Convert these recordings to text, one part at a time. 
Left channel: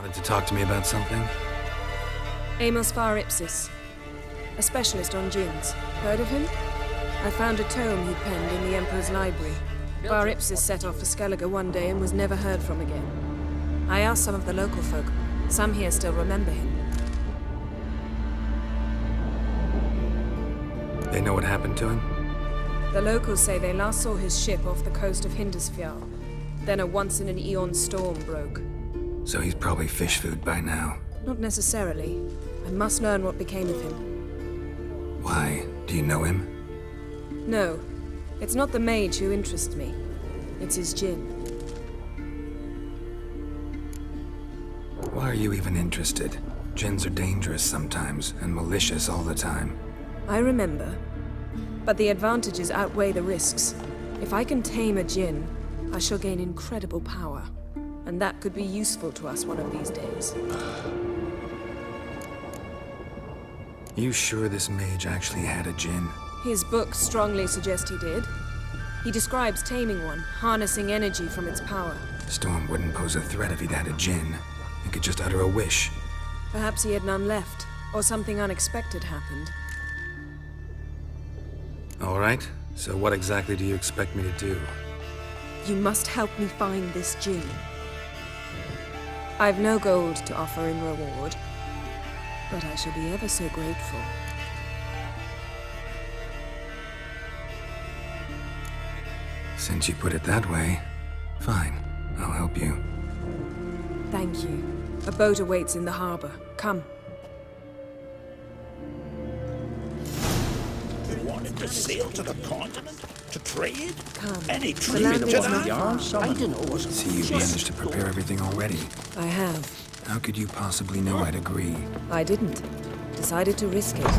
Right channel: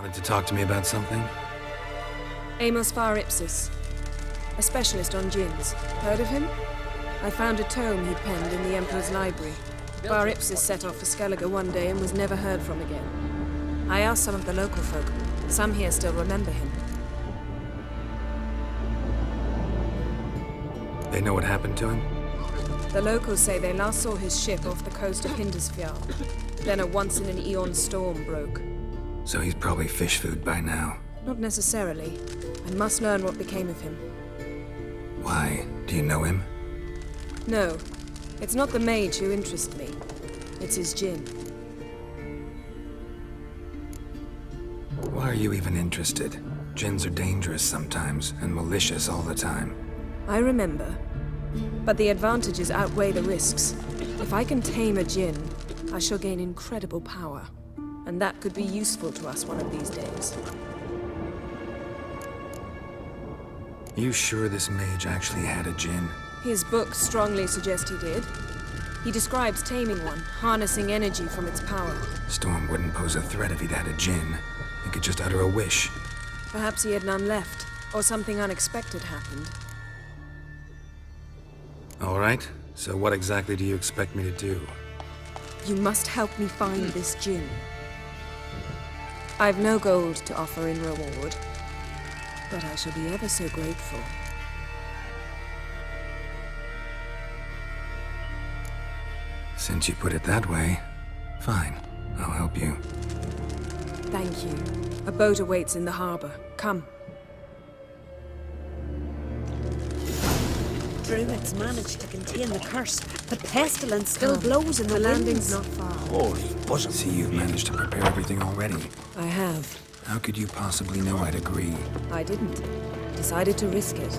Wanted to talk to me about something? Amos Far Ipsis, a specialist on djinns. Heard of him? I found a tome he'd penned in the Emperor's library. Far Ipsis set off for Skellige one day and was never heard from again. I asked some of the local folk. Some here still remember him. They know what happened to him? The locals say they last saw his ship off the coast of Hindisfjall. Then a once-in-an-eon storm broke. So he's probably fish food by now. Not necessarily. I must learn what became of him. Why? Do you know him? No. It's not the mage who interests me. It's his djinn. Why are you even interested? Djinns are dangerous sometimes, and malicious all the time. I remember. But the advantages outweigh the risks. If I can tame a djinn, I shall gain incredible power. And that could be useful to us one of these days. You sure this mage actually had a djinn? His books strongly suggest he did. He describes taming one, harnessing energy from its power. Storm wouldn't pose a threat if he'd had a djinn. He could just utter a wish. Perhaps he had none left, or something unexpected happened. All right, so what exactly do you expect me to do? You must help me find this djinn. I've no gold to offer in reward, but I shall be ever so grateful. Since you put it that way, fine. I'll help you. Thank you. A boat awaits in the harbor. Come. Druids managed to contain the curse, but pestilence still blows in The landing's not far. See, you've managed to prepare everything already. I have. How could you possibly know I'd agree? I didn't. Decided to risk it.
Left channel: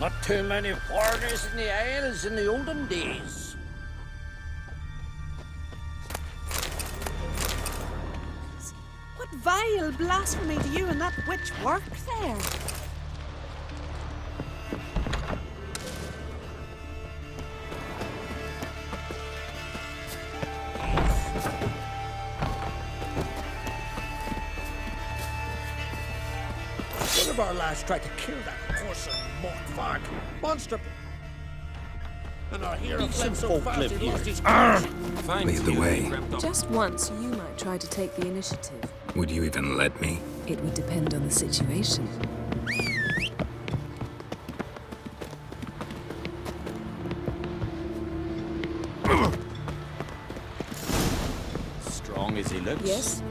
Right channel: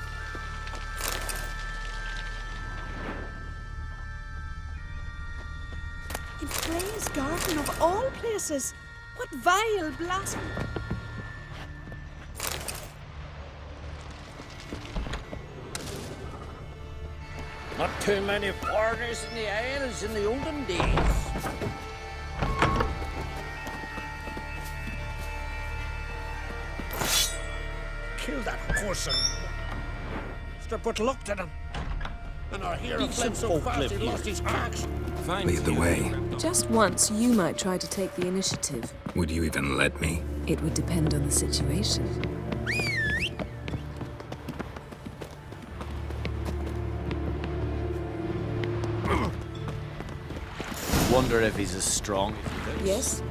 Not too many foreigners in the Isles in the olden days. In Frey's garden of all places, what vile blasphemy do you and that witch work there? Not too many foreigners in the Isles in the olden days. One of our lads tried to kill that horse and mockfart. Monster put luck to them. And our hero fled so fast he lost his courage. Lead the way. Just once, you might try to take the initiative. Would you even let me? It would depend on the situation. Wonder if he's as strong as he looks. Yes?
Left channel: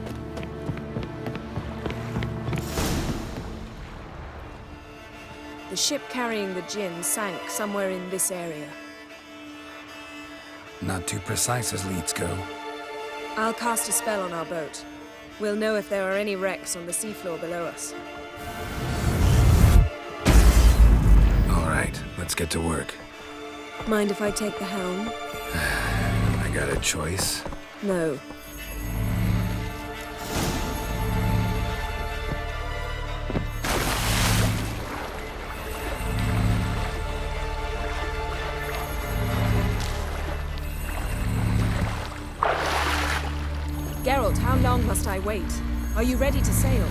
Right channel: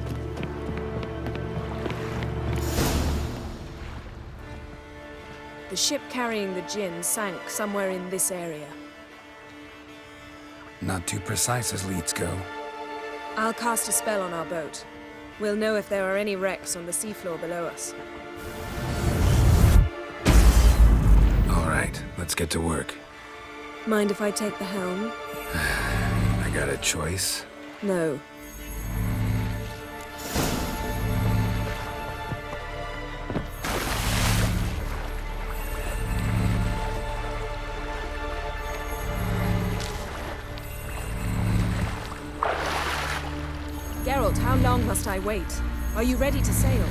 The ship carrying the djinn sank somewhere in this area. Not too precise as leads go. I'll cast a spell on our boat. We'll know if there are any wrecks on the seafloor below us. All right, let's get to work. Mind if I take the helm? I got a choice. No. Geralt, how long must I wait? Are you ready to sail?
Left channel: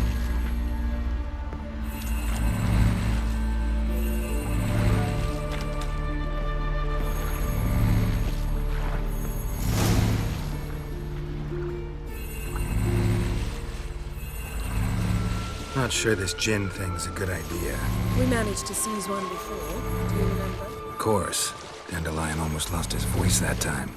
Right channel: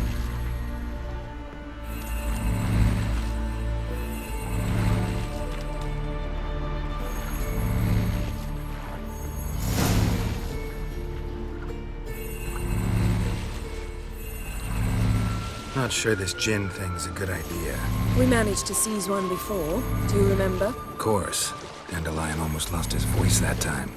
Not sure this djinn thing's a good idea. We managed to seize one before. Do you remember? Of course. Dandelion almost lost his voice that time.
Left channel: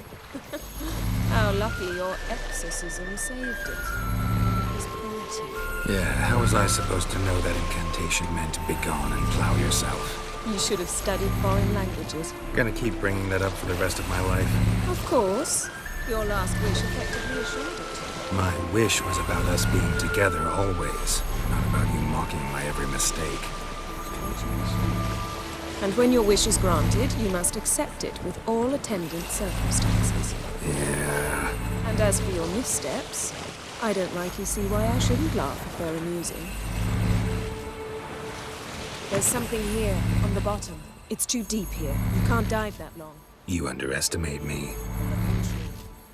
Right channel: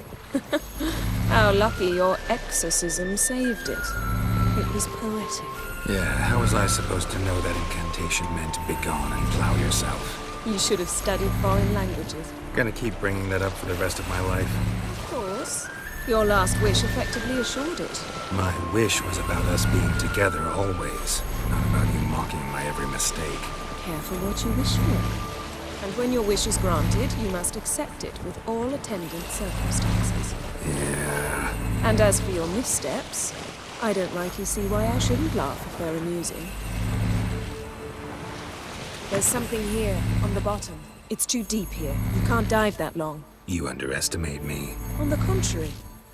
How lucky your exorcism saved it. It was poetic. Yeah, how was I supposed to know that incantation meant begone and plow yourself? You should have studied foreign languages. Gonna keep bringing that up for the rest of my life. Of course. Your last wish effectively assured it. My wish was about us being together always, not about you mocking my every mistake. Careful what you wish for. And when your wish is granted, you must accept it with all attendant circumstances. Yeah. And as for your missteps, I don't rightly see why I shouldn't laugh if they're amusing. There's something here, on the bottom. It's too deep here. You can't dive that long. You underestimate me. On the contrary.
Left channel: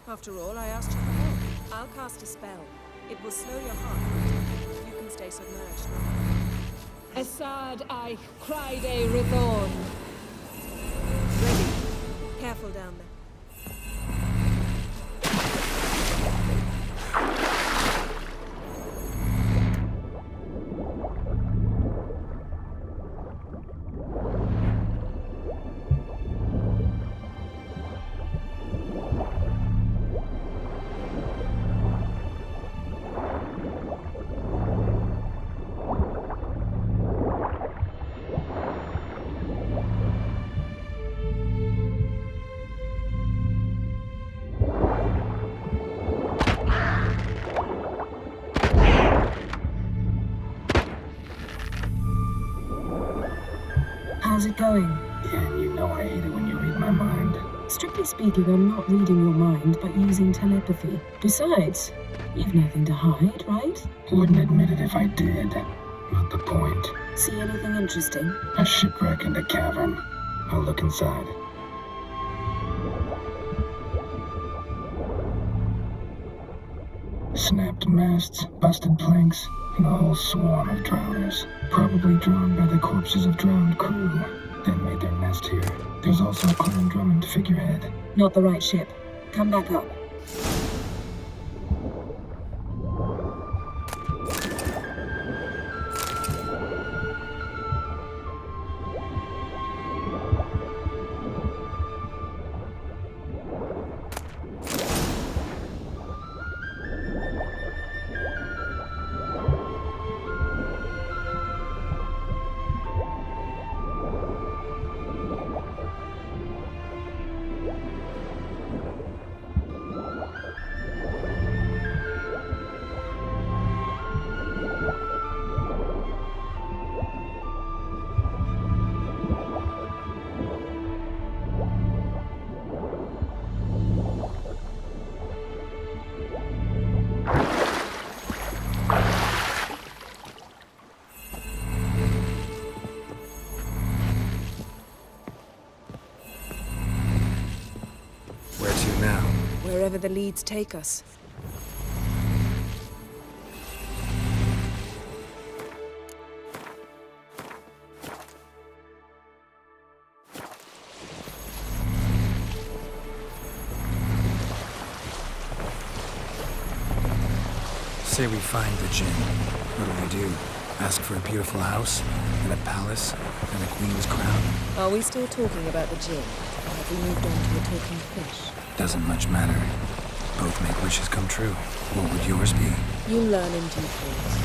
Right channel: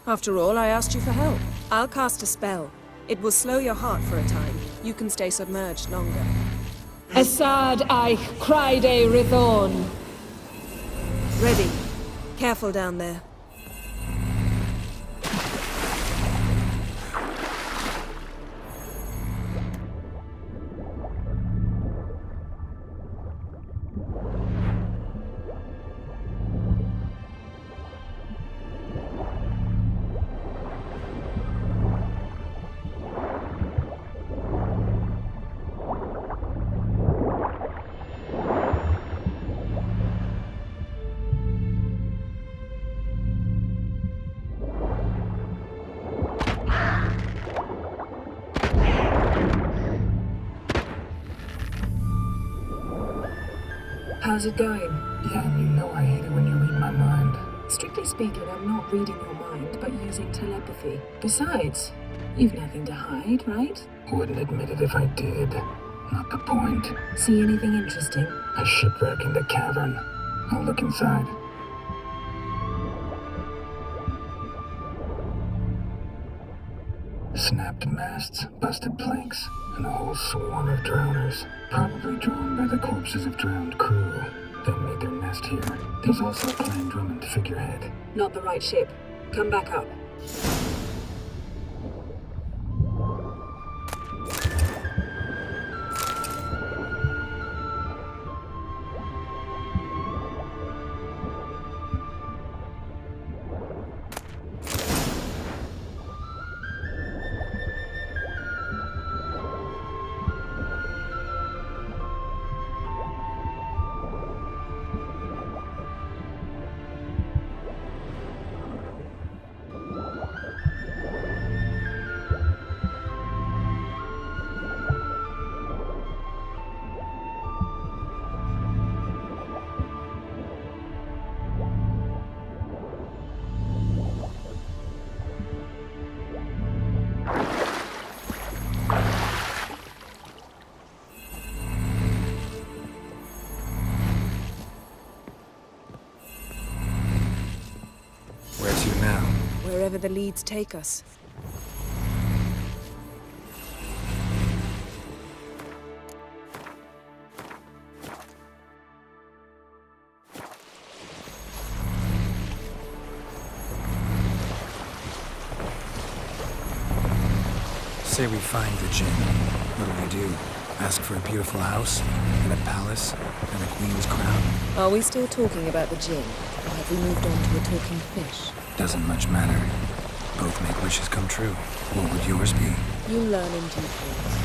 After all, I asked you for help. I'll cast a spell. It will slow your heart for a time. You can stay submerged longer. Assad I Cryde Rithorn. Ready. Careful down there. How's it going? Yeah, and you know I hate it when you read my mind. Strictly speaking, I'm not reading your mind, but using telepathy. Besides, you've nothing to hide, right? Wouldn't admit it if I did. Not the point. See anything interesting? A shipwreck and a cavern. I'll look inside. Snapped masts, busted planks, and a whole swarm of drowners. Probably drawn by the corpses of drowned crew. Then made their nest here. There's also a Clan Drummond figurehead. Not the right ship. Come back up. Where to now? Wherever the leads take us. Say we find the Jinn. What do? Ask for a beautiful house, and a palace, and a queen's crown? Are we still talking about the Jinn? Or have we moved on to a talking fish? Doesn't much matter. Both make wishes come true. What would yours be? You learn in due course.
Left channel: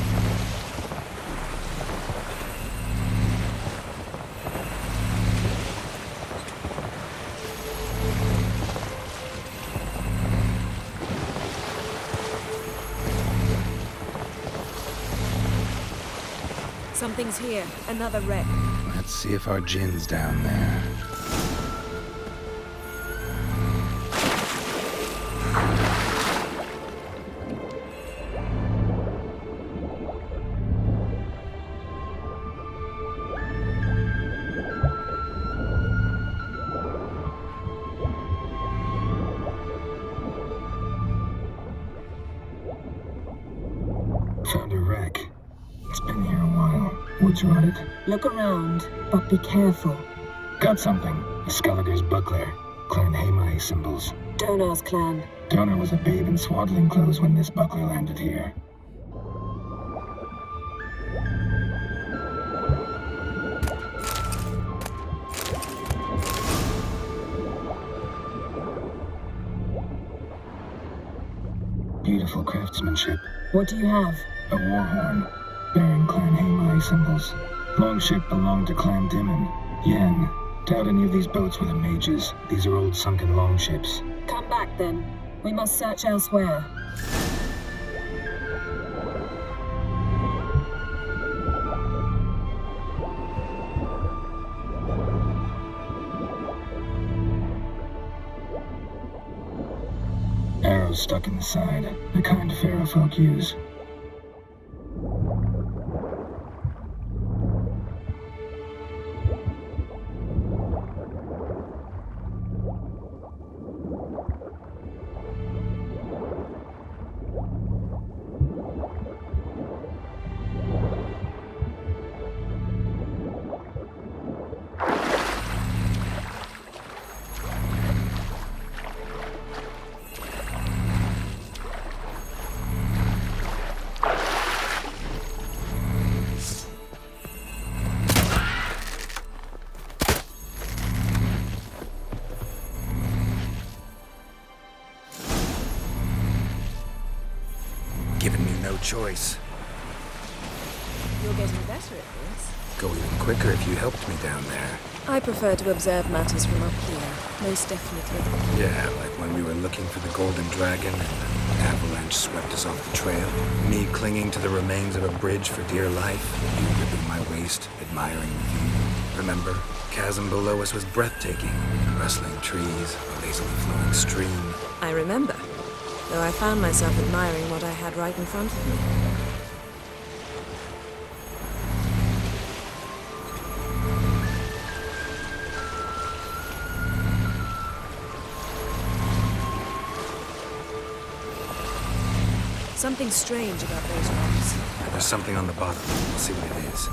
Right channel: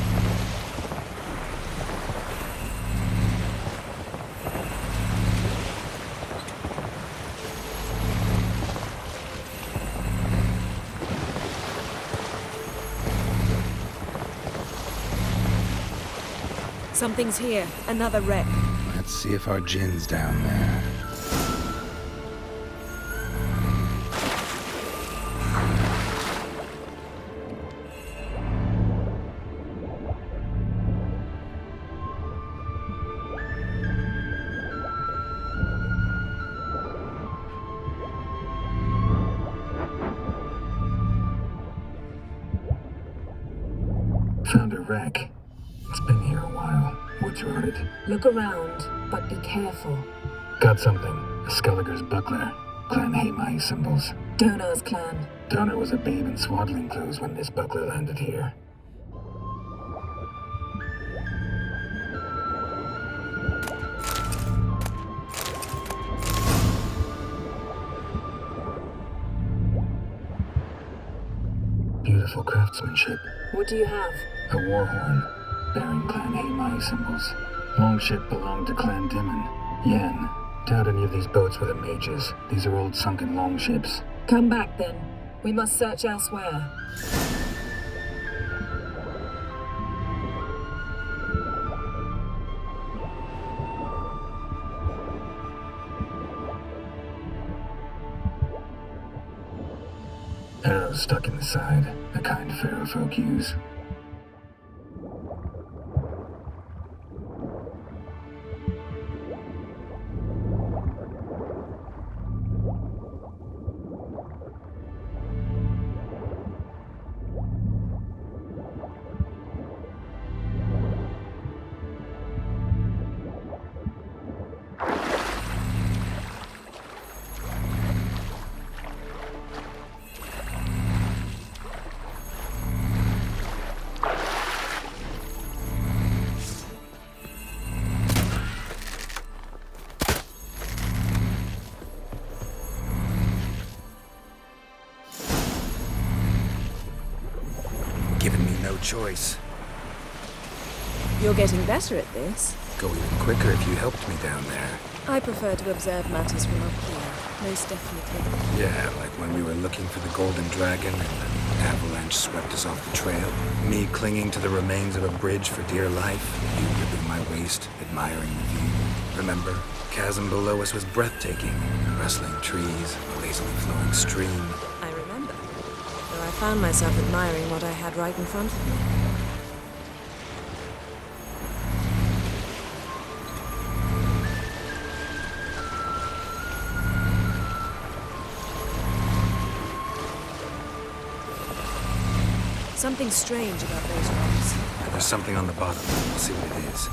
Something's here. Another wreck. Let's see if our Jinn's down there. Found a wreck. It's been here a while. Wood's rotted. Look around, but be careful. Got something. A Skelliger's buckler. Clan Haemai symbols. Donar's clan. Donar was a babe in swaddling clothes when this buckler landed here. Beautiful craftsmanship. What do you have? A war horn, bearing Clan Haemai symbols. Longship belonged to Clan Dimon. Yen. Doubt any of these boats were the mages. These are old sunken longships. Come back then. We must search elsewhere. Arrows stuck in the side, the kind Pharaoh folk use. given me no choice. You're getting better at this. Go even quicker if you helped me down there. I prefer to observe matters from up here, most definitely. Yeah, like when we were looking for the Golden Dragon and an avalanche swept us off the trail. Me clinging to the remains of a bridge for dear life. You gripping my waist, admiring the view. Remember? Chasm below us was breathtaking. Rustling trees, a lazily flowing stream. I remember, though I found myself admiring what I had right in front of me. Something strange about those rocks. And there's something on the bottom. We'll see what it is.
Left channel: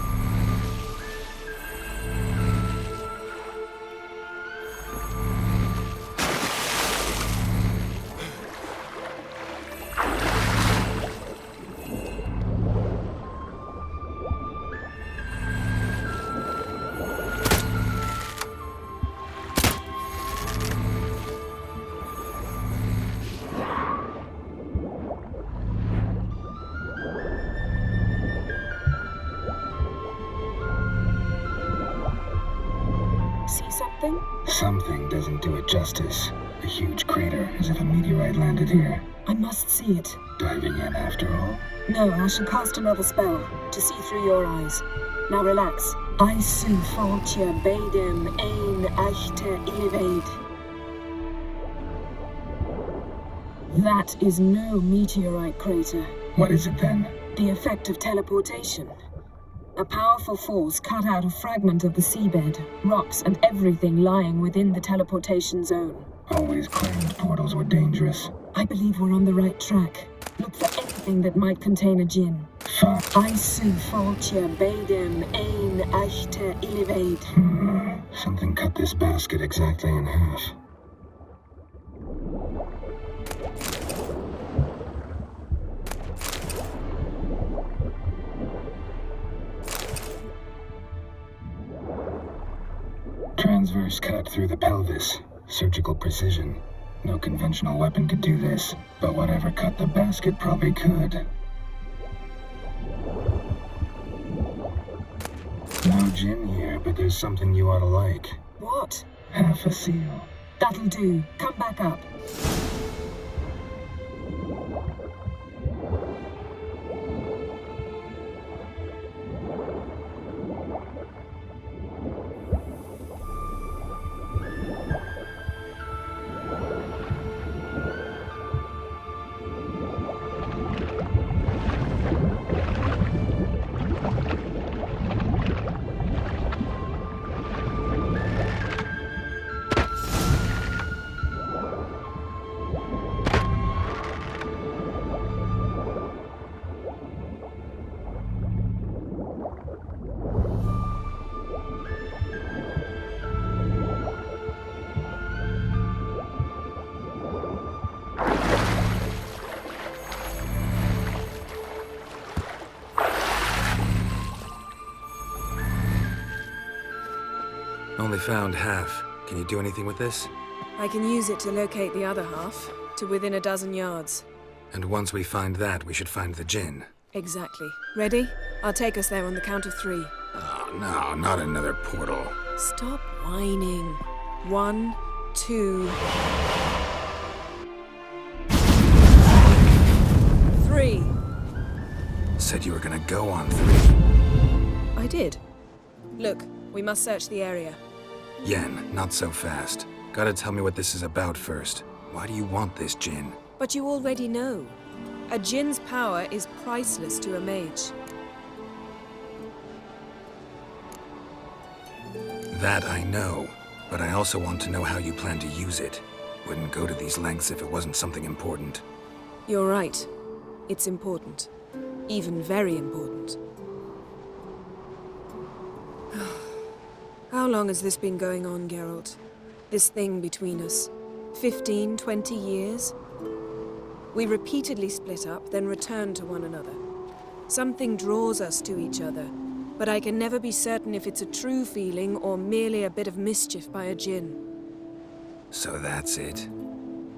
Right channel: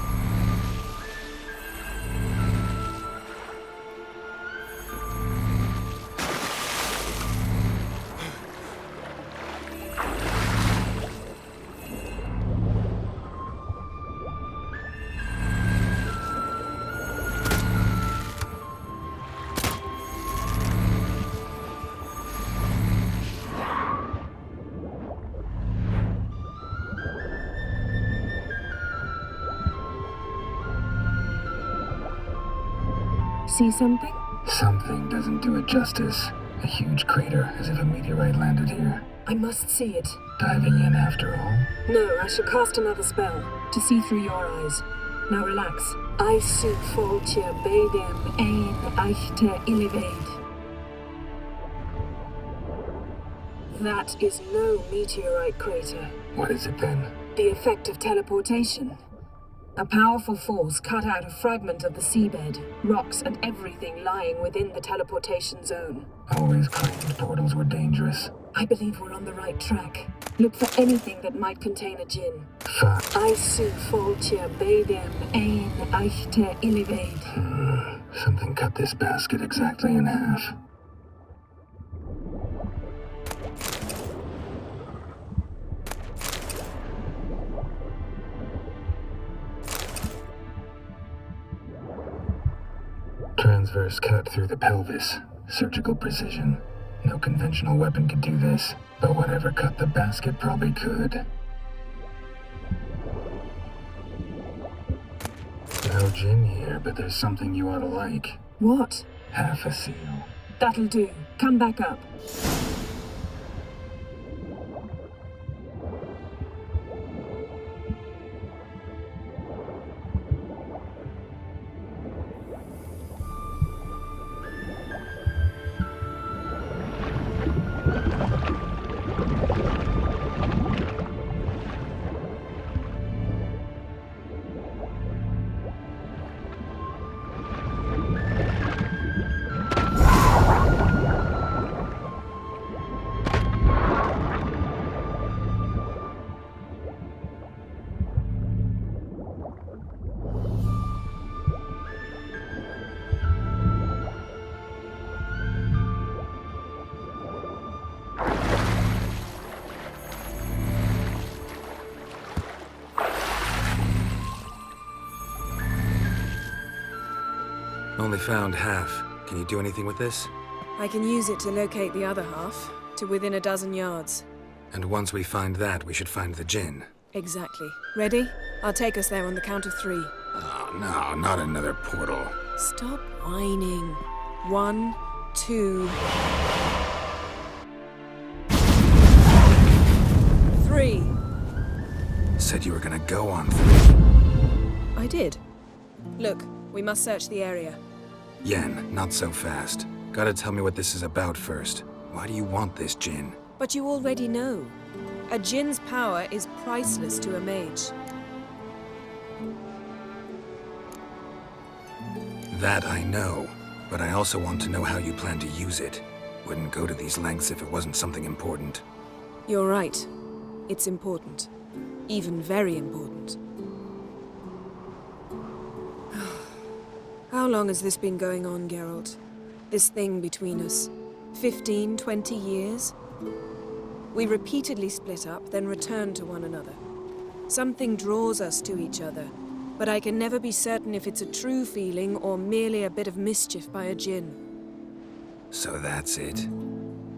See something? Something doesn't do it justice. A huge crater, as if a meteorite landed here. I must see it. Diving in after all? No, I should cast another spell to see through your eyes. Now relax. Isu foltja beidem ein eichte illiveid. That is no meteorite crater. What is it then? The effect of teleportation. A powerful force cut out a fragment of the seabed, rocks and everything lying within the teleportation zone. Always claimed portals were dangerous. I believe we're on the right track. Look for anything that might contain a djinn. Fuck. Isu foltja beidem ein eichte illiveid. Something cut this basket exactly in half. Transverse cut through the pelvis. Surgical precision. No conventional weapon could do this, but whatever cut the basket probably could. No gin here, but there's something you ought to like. What? Half a seal. That'll do. Come back up. Only found half. Can you do anything with this? I can use it to locate the other half, to within a dozen yards. And once we find that, we should find the djinn. Exactly. Ready? I'll take us there on the count of 3. Oh, no, not another portal. Stop whining. 1, 2... 3. Said you were gonna go on 3. I did. Look, we must search the area. Yen, not so fast. Gotta tell me what this is about first. Why do you want this djinn? But you already know. A djinn's power is priceless to a mage. That I know, but I also want to know how you plan to use it. Wouldn't go to these lengths if it wasn't something important. You're right. It's important. Even very important. How long has this been going on, Geralt? This thing between us? 15, 20 years? We repeatedly split up, then returned to one another. Something draws us to each other, but I can never be certain if it's a true feeling or merely a bit of mischief by a djinn. So that's it.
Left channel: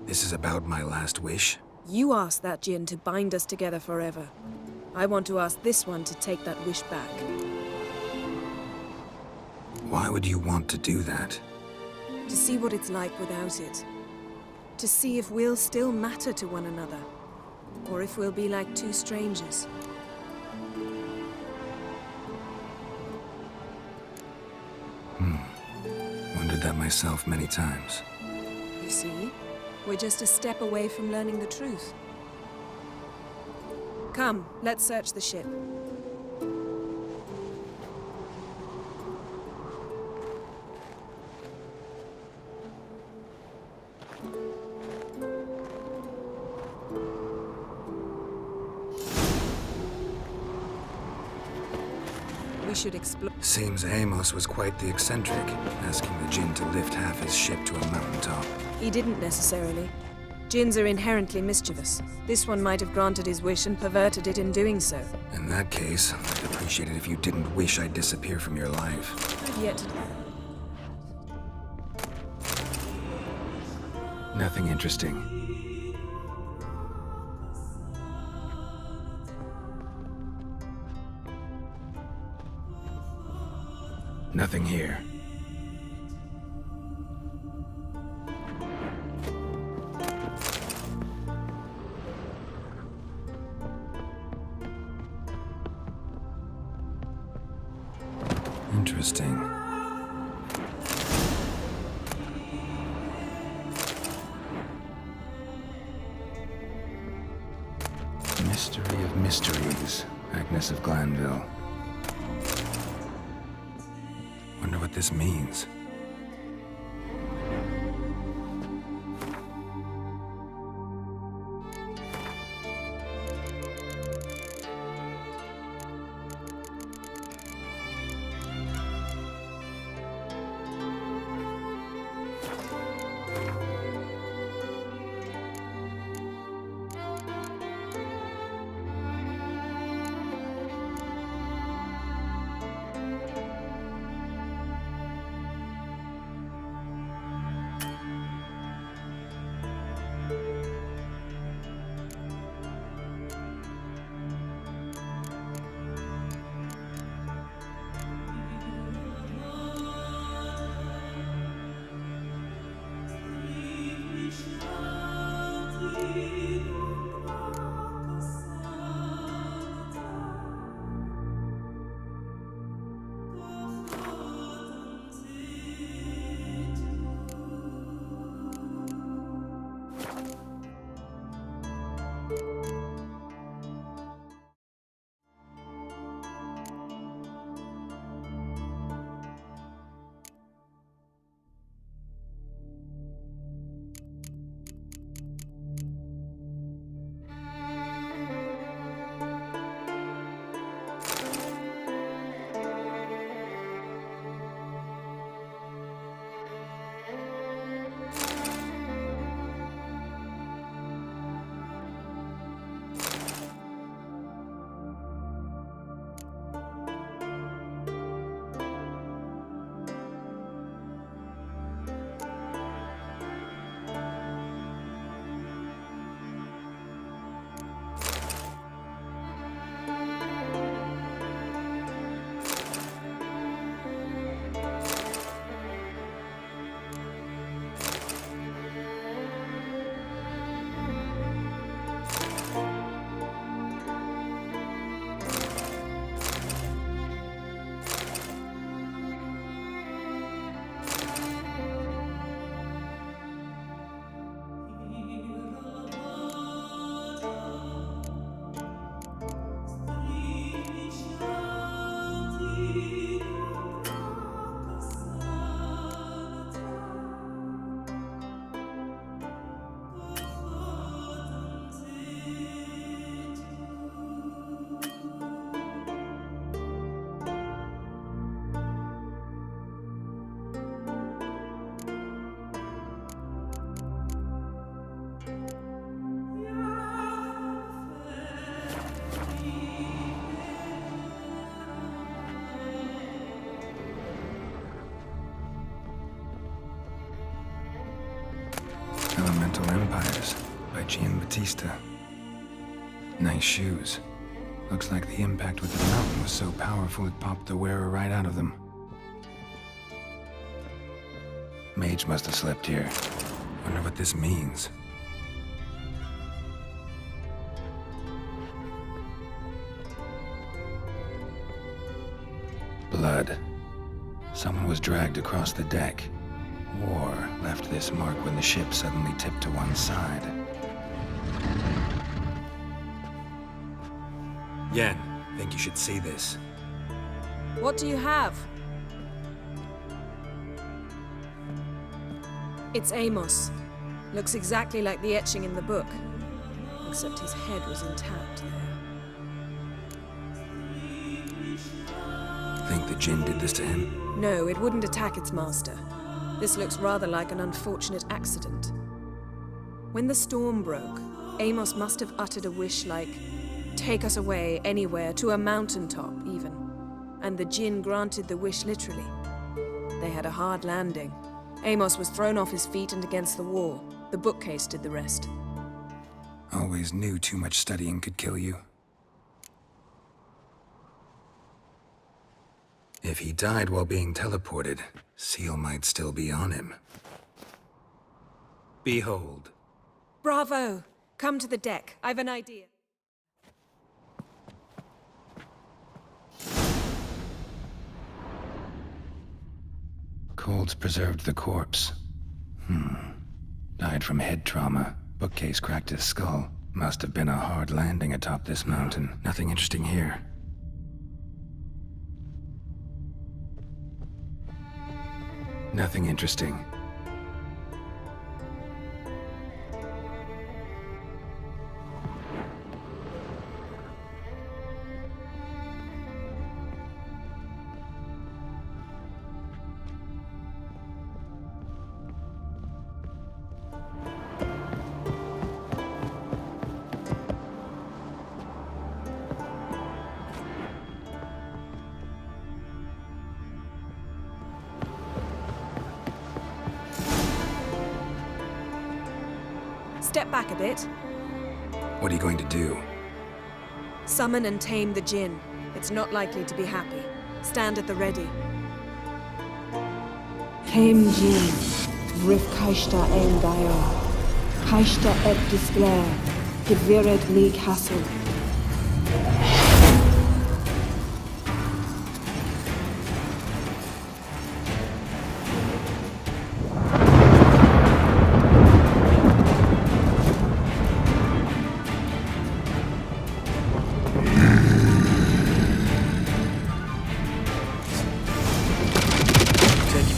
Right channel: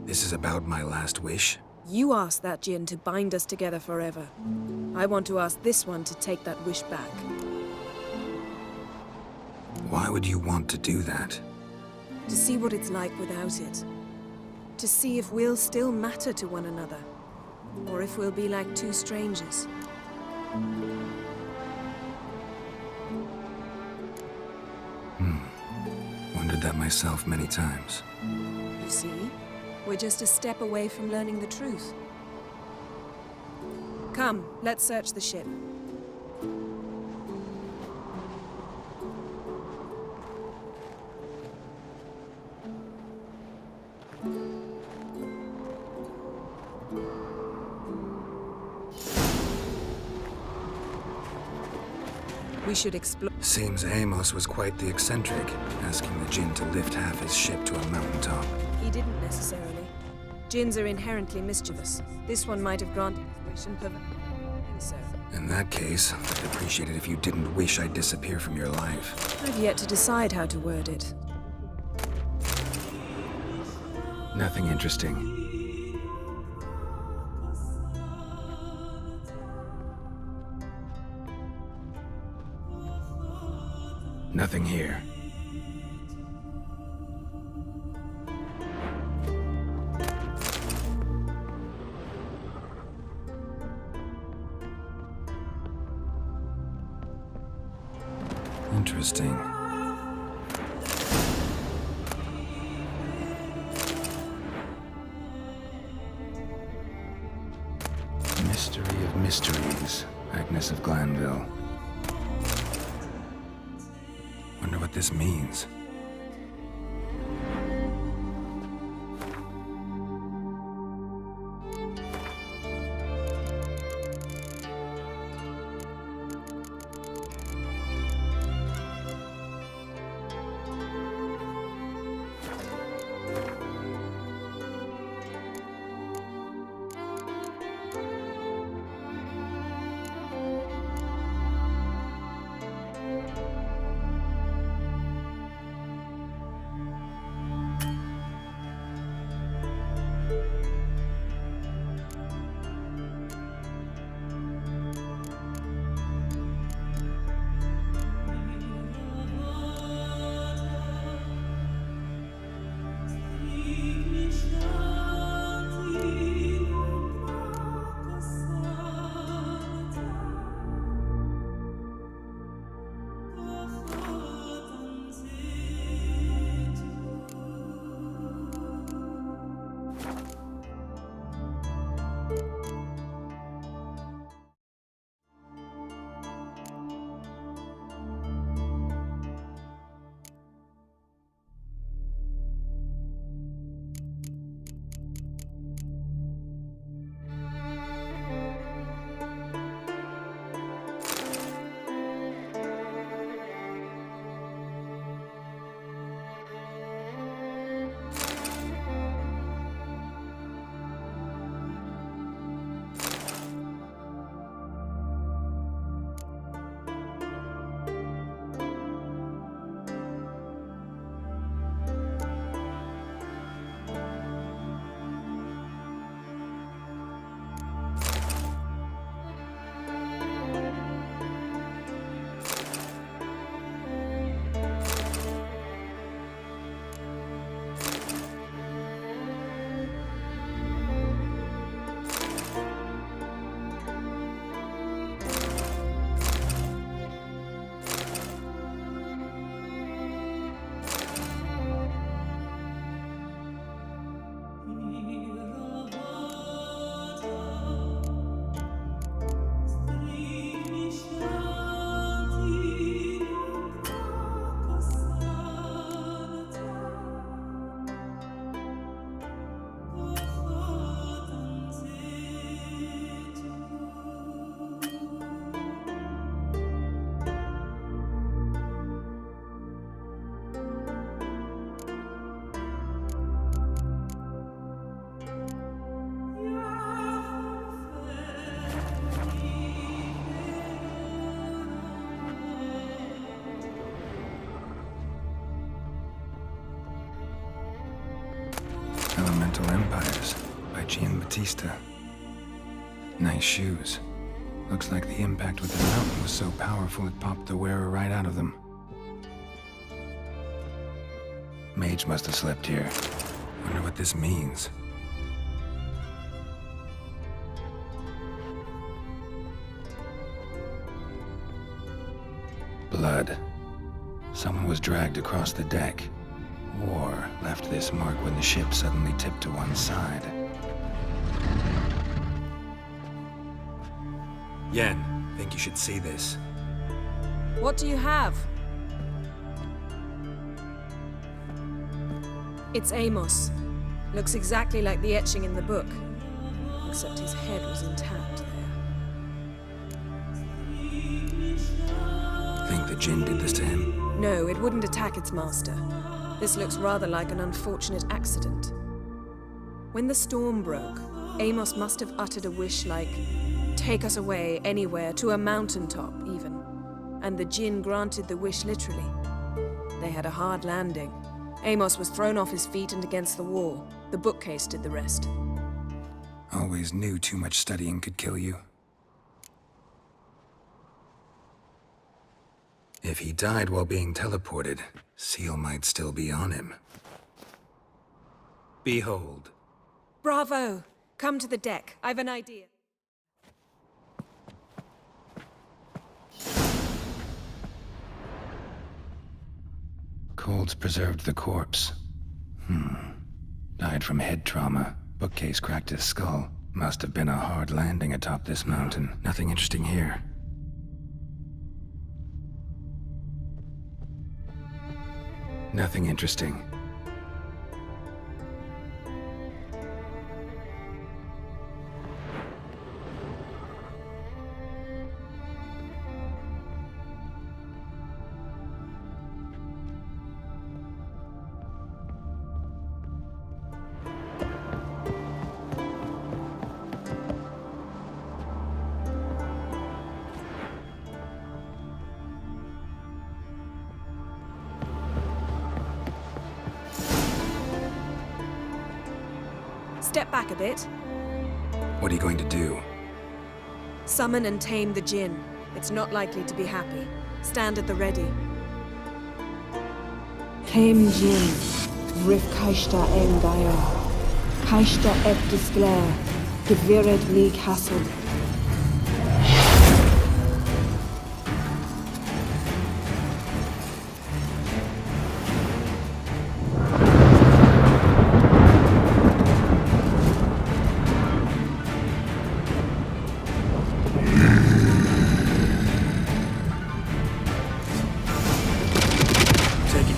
This is about my last wish? You asked that Jinn to bind us together forever. I want to ask this one to take that wish back. Why would you want to do that? To see what it's like without it. To see if we'll still matter to one another. Or if we'll be like two strangers. Wondered that myself many times. You see? We're just a step away from learning the truth. Come, let's search the ship. We should explore. Seems Amos was quite the eccentric, asking the Jinn to lift half his ship to a mountaintop. He didn't necessarily. Jinns are inherently mischievous. This one might have granted his wish and perverted it in doing so. In that case, I'd appreciate it if you didn't wish I'd disappear from your life. I've yet to decide how to word it. Nothing interesting. Nothing here. Interesting. Mystery of mysteries, Agnes of Glanville. Wonder what this means. Elemental empires. by Giambattista. Nice shoes. Looks like the impact with the mountain was so powerful it popped the wearer right out of them. Mage must have slept here. Wonder what this means. Blood. Someone was dragged across the deck, or left this mark when the ship suddenly tipped to one side. Yen, think you should see this. What do you have? It's Amos. Looks exactly like the etching in the book, except his head was intact there. Think the Jinn did this to him? No, it wouldn't attack its master. This looks rather like an unfortunate accident. When the storm broke, Amos must have uttered a wish like, "Take us away, anywhere, to a mountaintop, even." And the Jinn granted the wish literally. They had a hard landing. Amos was thrown off his feet and against the wall. The bookcase did the rest. Always knew too much studying could kill you. If he died while being teleported, Seal might still be on him. Behold. Bravo! Come to the deck. I've an idea. Cold's preserved the corpse. Died from head trauma. Bookcase cracked his skull. Must have been a hard landing atop this mountain. Nothing interesting here. Nothing interesting. Step back a bit. What are you going to do? Summon and tame the Jinn. It's not likely to be happy. Stand at the ready. Tame Jinn, Rif Kaishta ein Gaia, Kaishta et Disglair, Geviret League Hassel.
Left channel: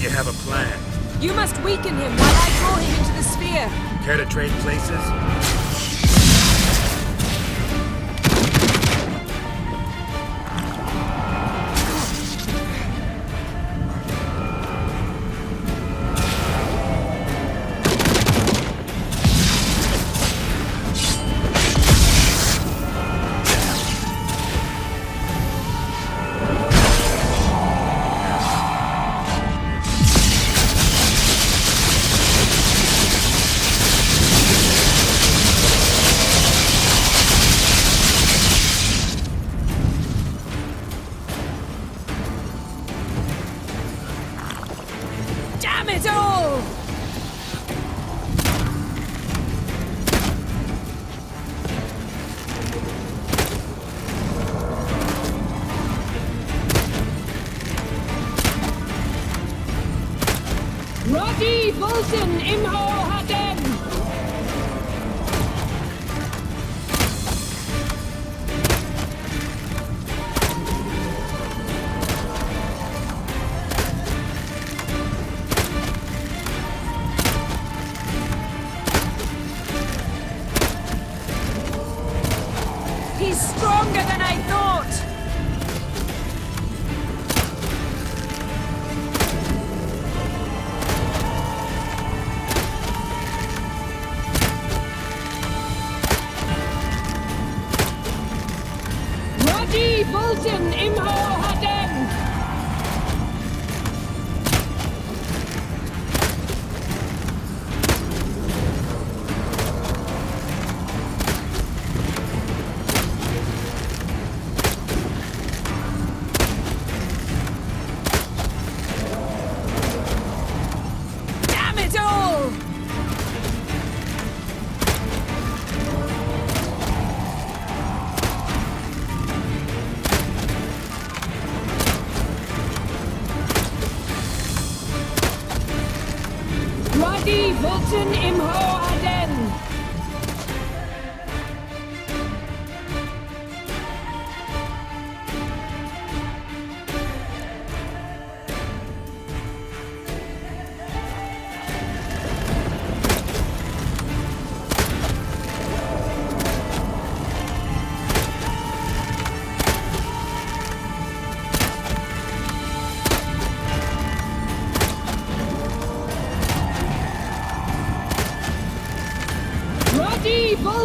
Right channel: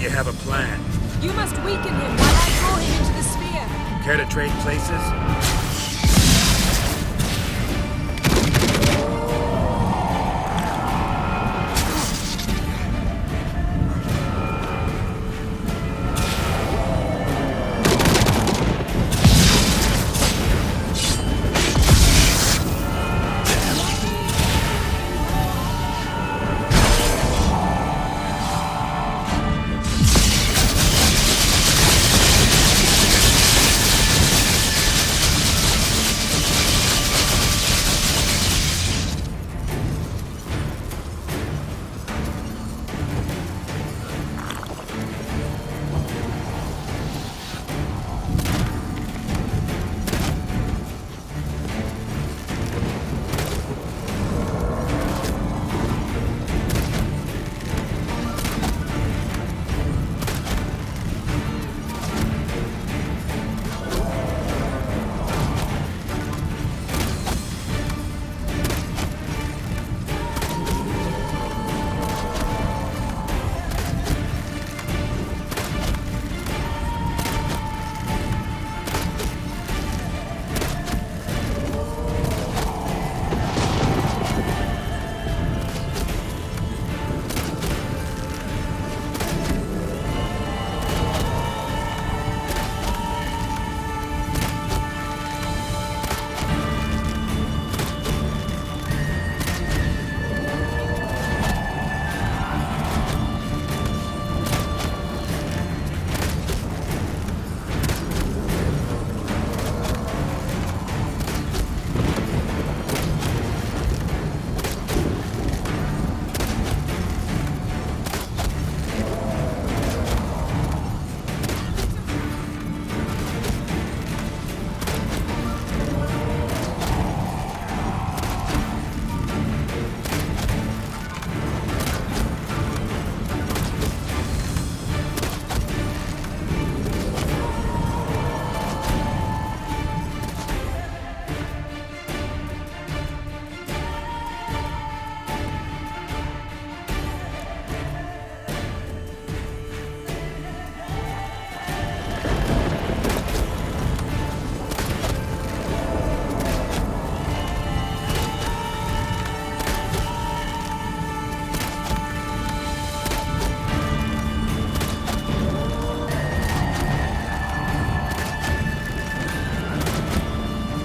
You have a plan. You must weaken him while I draw him into the sphere. Care to trade places?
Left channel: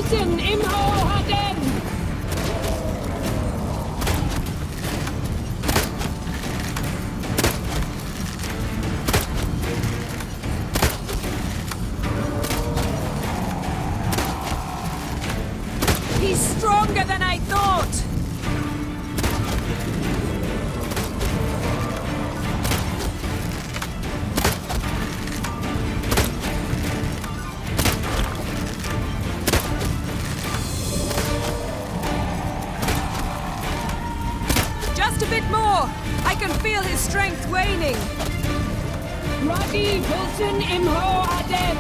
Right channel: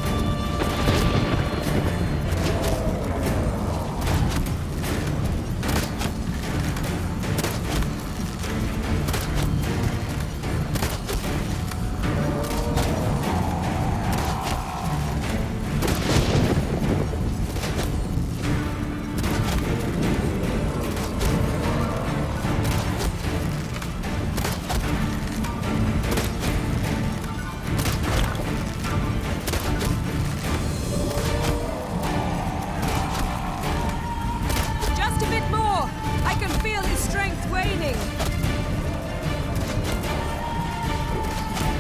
Bolton Imho again! He's stronger than I thought! Just a bit more! I can feel his strength waning! Roddy Bolton Imho again!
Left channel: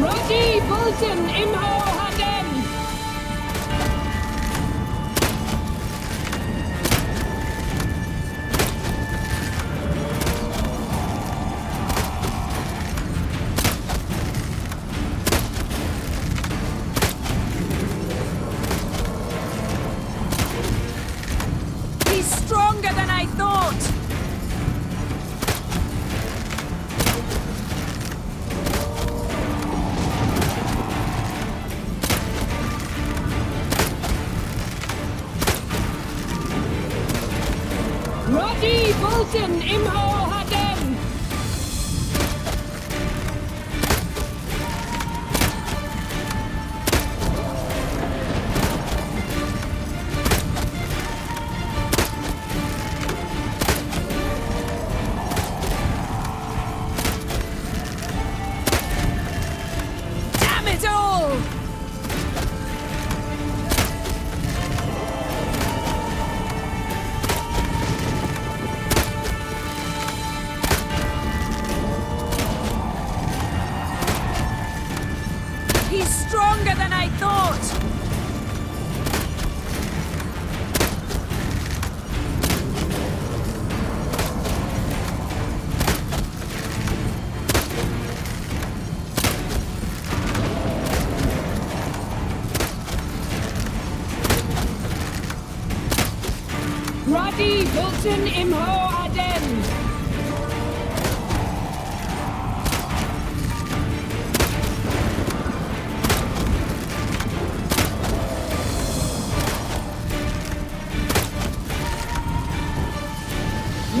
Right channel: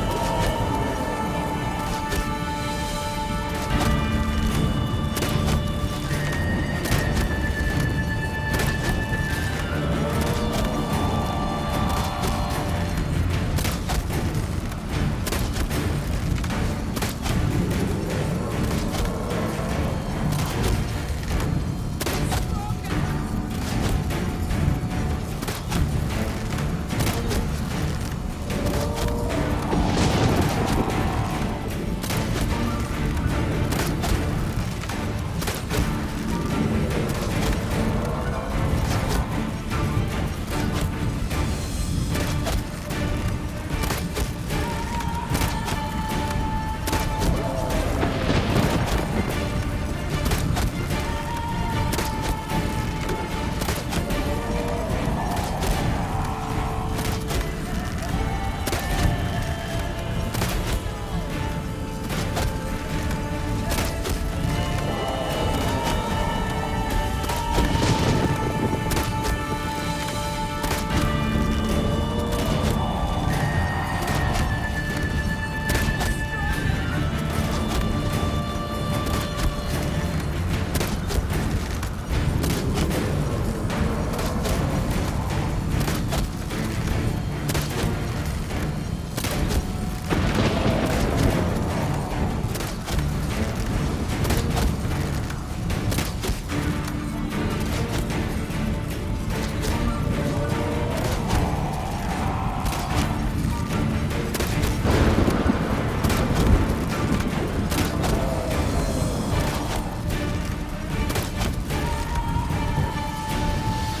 Roddy Bolton Imho again! He's stronger than I thought! Roddy Bolton Imho again! Damn it all! He's stronger than I thought! Roddy Bolton Imho again!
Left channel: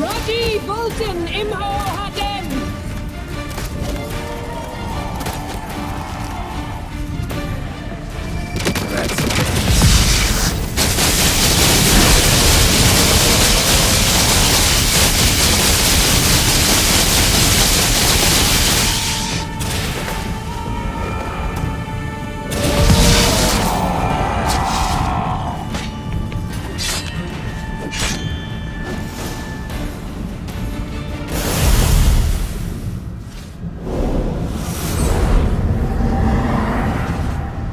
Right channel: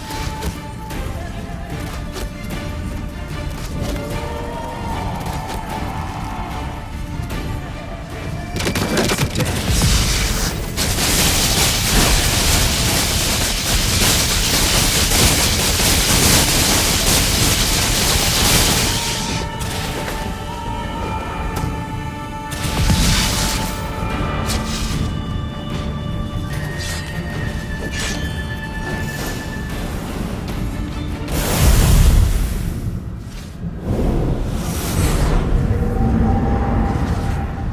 Roddy Bolton Imho again! That's it.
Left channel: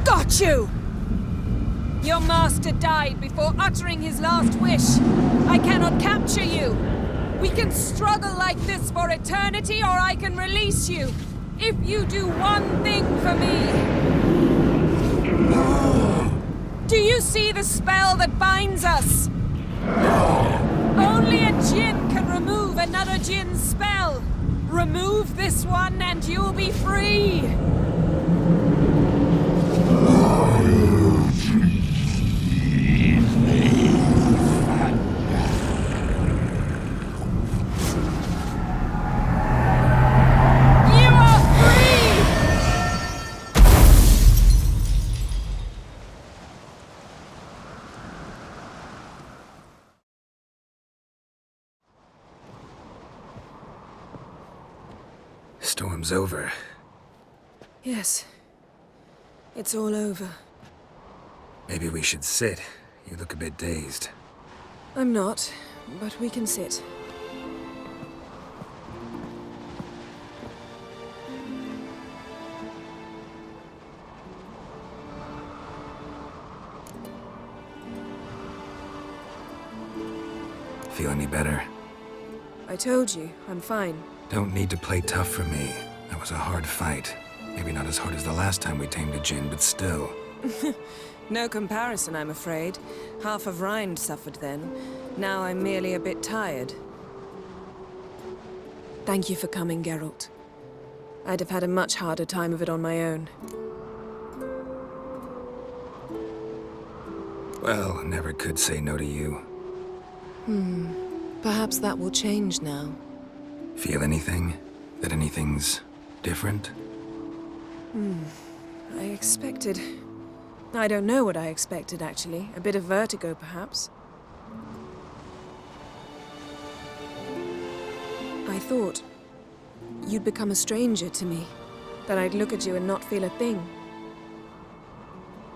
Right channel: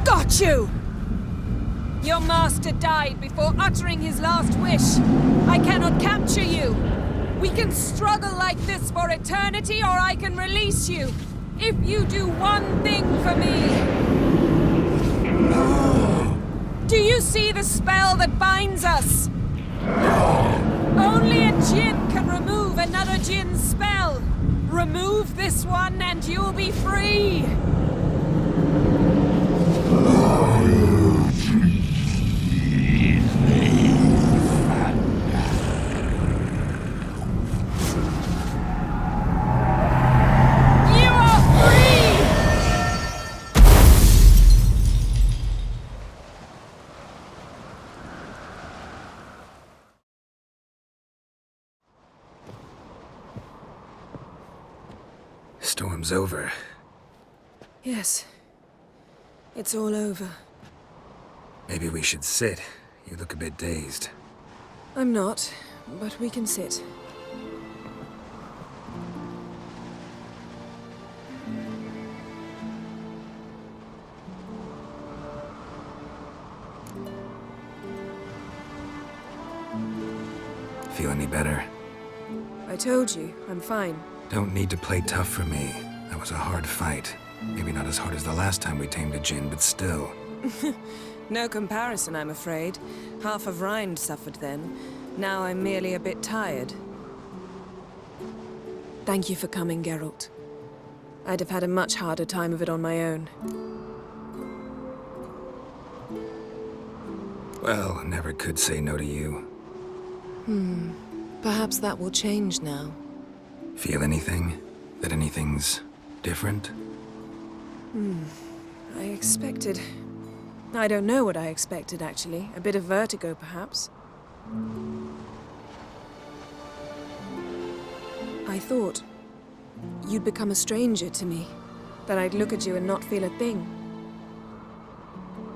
Got you! Your master died before uttering his last wish. I cannot capture you. We can struggle like this for eternity, or I can release you. If you do one thing for me. Do you see the spell that binds us? Only a djinn can remove another djinn's spell. Remove this one and you'll be free. You are free! Storm's over. Yes. It's all over. Maybe we should sit. You look a bit dazed. I'm not, but we can sit. Feel any better? I told you, I'm fine. Don't need to play tough for me. That was a hard fight. Maybe not as hard as the last time we tamed a djinn, but still. No comparison, I'm afraid. Half of Rind suffered then. Now I'm merely a bit tired. Thank you for coming, Geralt. I'd have had a much harder time of it on my own. Well, I never could say no to you. Perhaps that will change now. Feel anything? That anything's different? I expected... I don't know what I expected, actually. A bit of vertigo, perhaps. I thought you'd become a stranger to me, that I'd look at you and not feel a thing.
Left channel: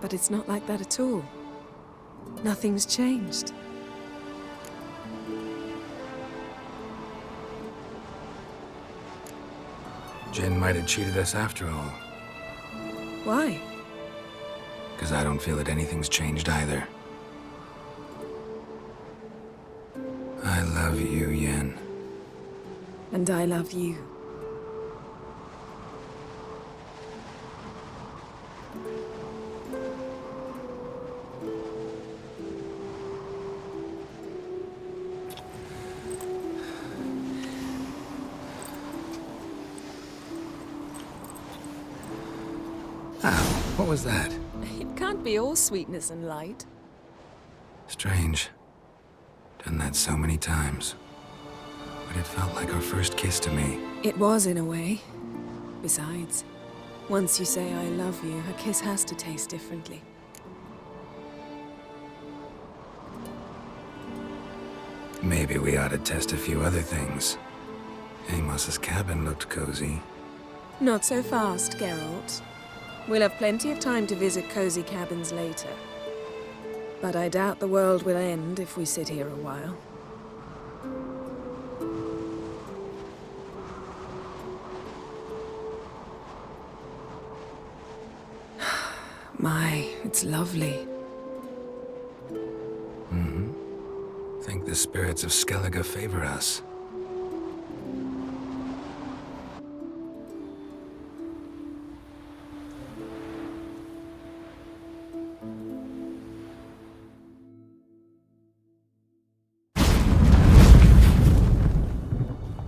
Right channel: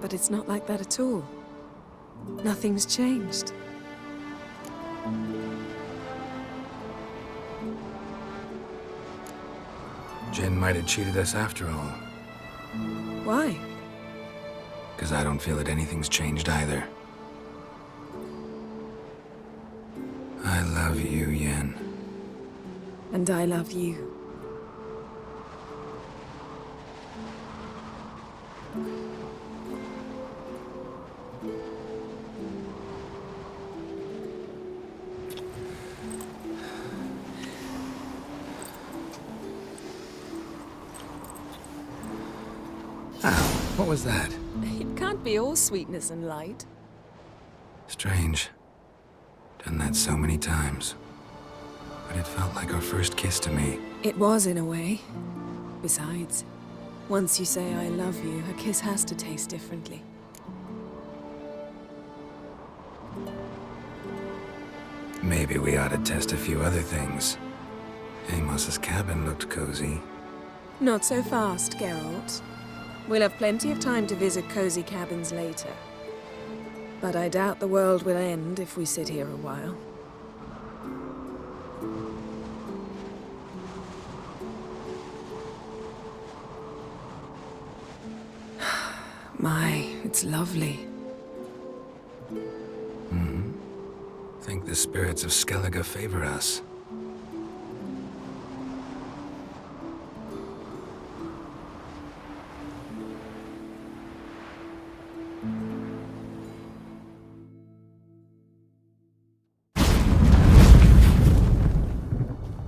But it's not like that at all. Nothing's changed. Jin might have cheated us after all. Why? Because I don't feel that anything's changed either. I love you, Yen. And I love you. Ow, what was that? It can't be all sweetness and light. Strange. Done that so many times. But it felt like our first kiss to me. It was, in a way. Besides, once you say I love you, a kiss has to taste differently. Maybe we ought to test a few other things. Amos's cabin looked cozy. Not so fast, Geralt. We'll have plenty of time to visit cozy cabins later. But I doubt the world will end if we sit here a while. My, it's lovely. Think the spirits of Skellige favor us.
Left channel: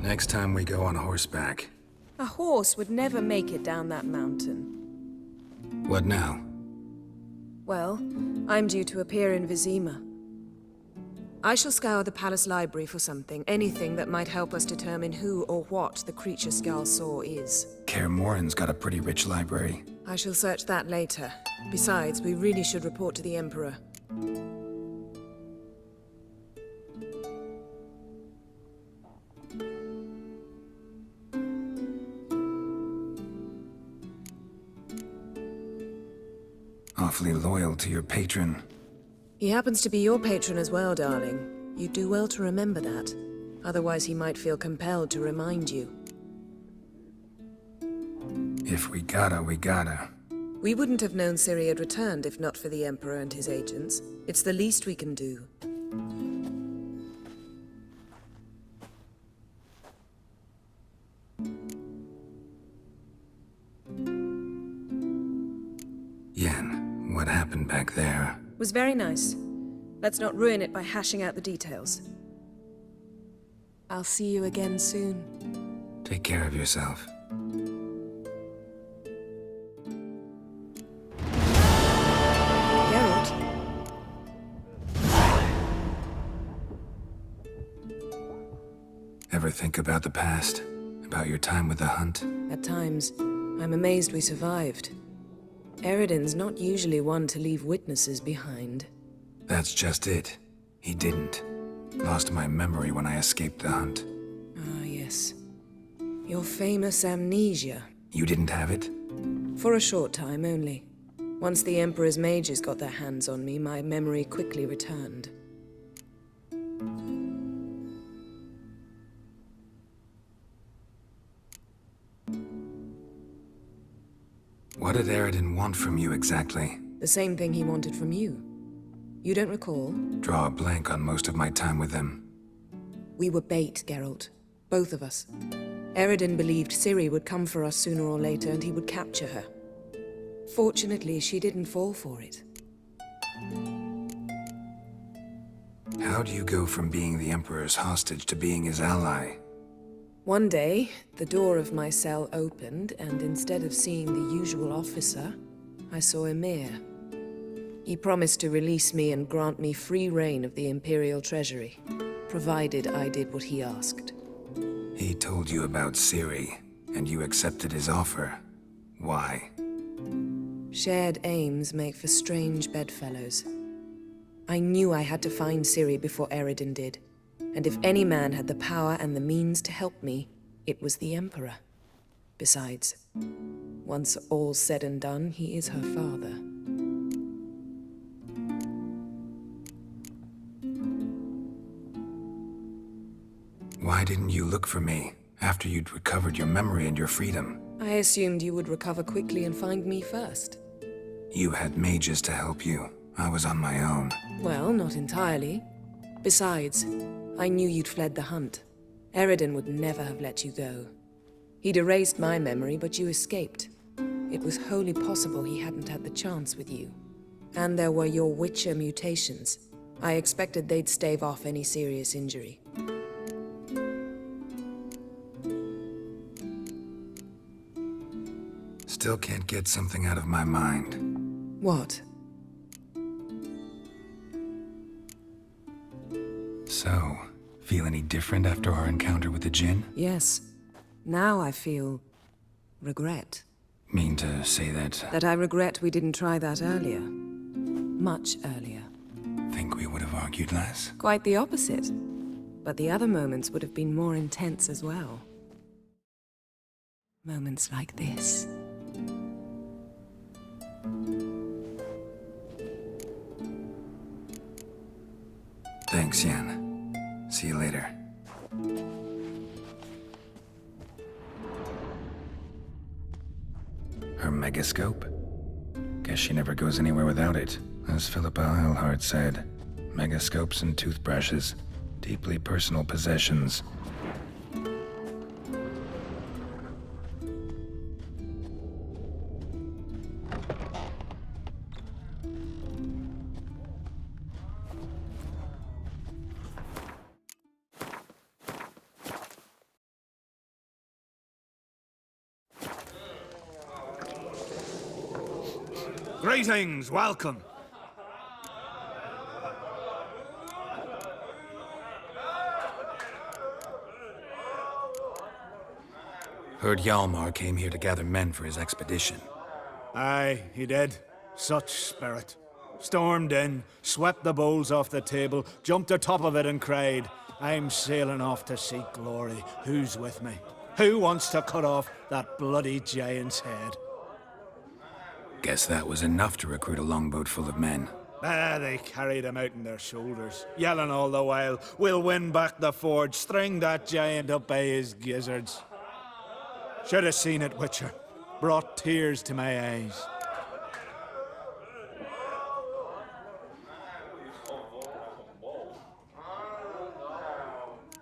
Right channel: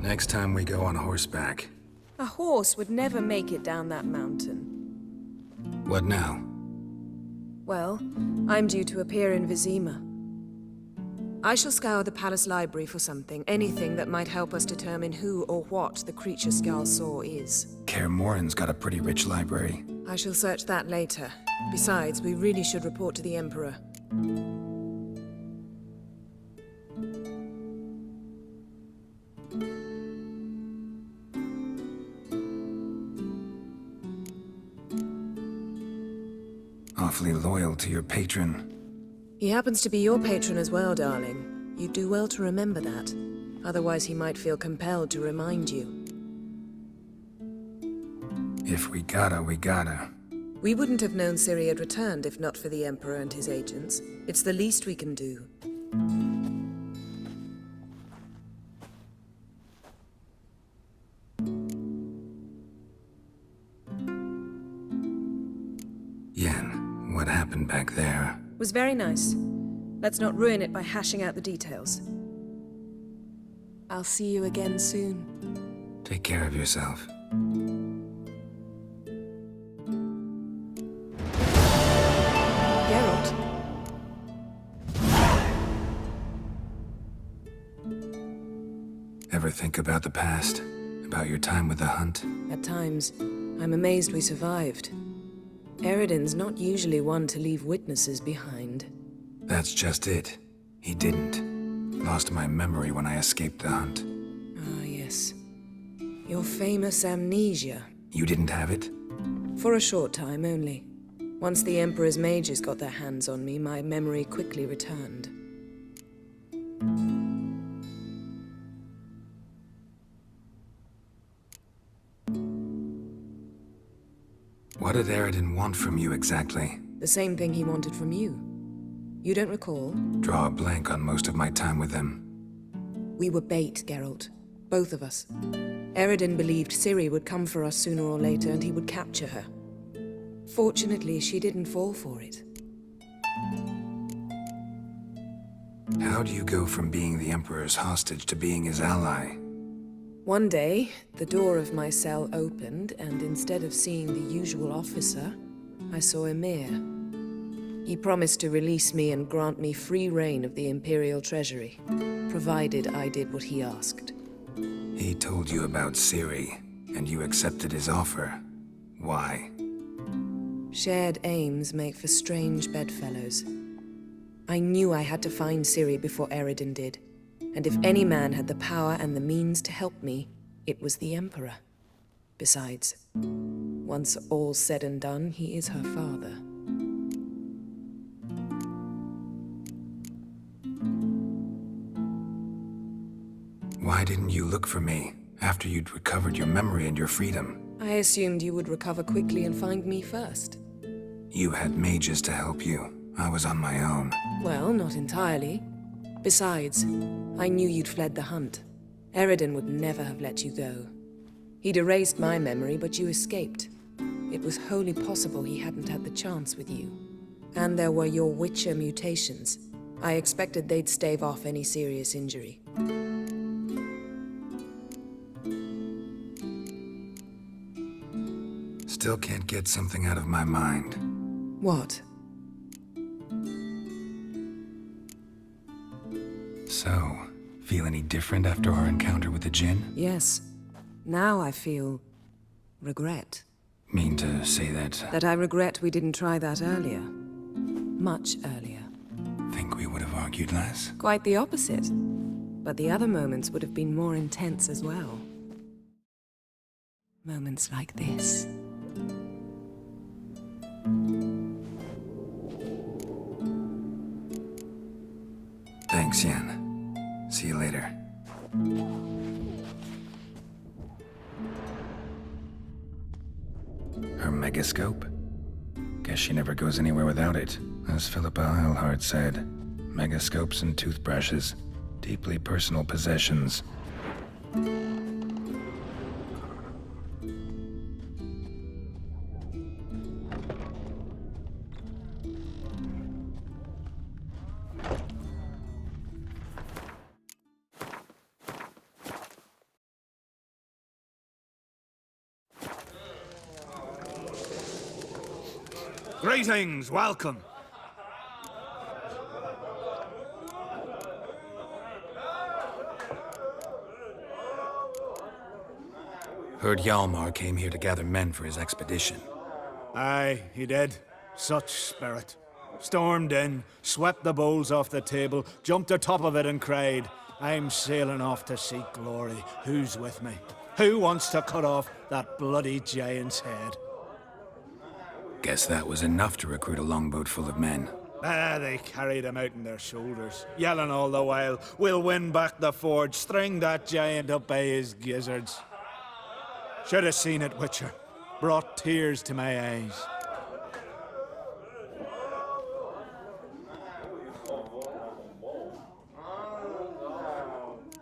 Next time we go on horseback. A horse would never make it down that mountain. What now? Well, I'm due to appear in Vizima. I shall scour the palace library for something, anything that might help us determine who or what the creature Skal saw is. Kaer Morhen's got a pretty rich library. I shall search that later. Besides, we really should report to the Emperor. Awfully loyal to your patron. He happens to be your patron as well, darling. You'd do well to remember that. Otherwise, he might feel compelled to remind you. If we gotta, we gotta. We wouldn't have known Ciri had returned if not for the Emperor and his agents. It's the least we can do. Yen, what happened back there? Was very nice. Let's not ruin it by hashing out the details. I'll see you again soon. Take care of yourself. Geralt? Ever think about the past? About your time with the Hunt? At times, I'm amazed we survived. Eredin's not usually one to leave witnesses behind. That's just it. He didn't. Lost my memory when I escaped the Hunt. Ah, yes. Your famous amnesia. You didn't have it? For a short time only. Once the Emperor's mages got their hands on me, my memory quickly returned. What did Eredin want from you exactly? The same thing he wanted from you. You don't recall? Draw a blank on most of my time with them. We were bait, Geralt. Both of us. Eredin believed Ciri would come for us sooner or later and he would capture her. Fortunately, she didn't fall for it. How do you go from being the Emperor's hostage to being his ally? One day, the door of my cell opened, and instead of seeing the usual officer, I saw Emir. He promised to release me and grant me free reign of the Imperial Treasury, provided I did what he asked. He told you about Ciri, and you accepted his offer. Why? Shared aims make for strange bedfellows. I knew I had to find Ciri before Eredin did, and if any man had the power and the means to help me, it was the Emperor. Besides, once all's said and done, he is her father. Why didn't you look for me after you'd recovered your memory and your freedom? I assumed you would recover quickly and find me first. You had mages to help you. I was on my own. Well, not entirely. Besides, I knew you'd fled the hunt. Eredin would never have let you go. He'd erased my memory, but you escaped. It was wholly possible he hadn't had the chance with you. And there were your Witcher mutations. I expected they'd stave off any serious injury. Still can't get something out of my mind. What? So, feel any different after our encounter with the Jinn? Yes. Now I feel regret. Mean to say that? That I regret we didn't try that earlier. Much earlier. Think we would have argued less? Quite the opposite. But the other moments would have been more intense as well. Moments like this. Thanks, Yen. See you later. Her megascope? Guess she never goes anywhere without it. As Philippa Eilhart said, megascopes and toothbrushes, deeply personal possessions. Greetings, welcome. Heard Hjalmar came here to gather men for his expedition. Aye, he did. Such spirit. Stormed in, swept the bowls off the table, jumped atop of it and cried, "I'm sailing off to seek glory. Who's with me? Who wants to cut off that bloody giant's head?" Guess that was enough to recruit a longboat full of men. They carried him out on their shoulders, yelling all the while, "We'll win back the forge, string that giant up by his gizzards." Should have seen it, Witcher. Brought tears to my eyes.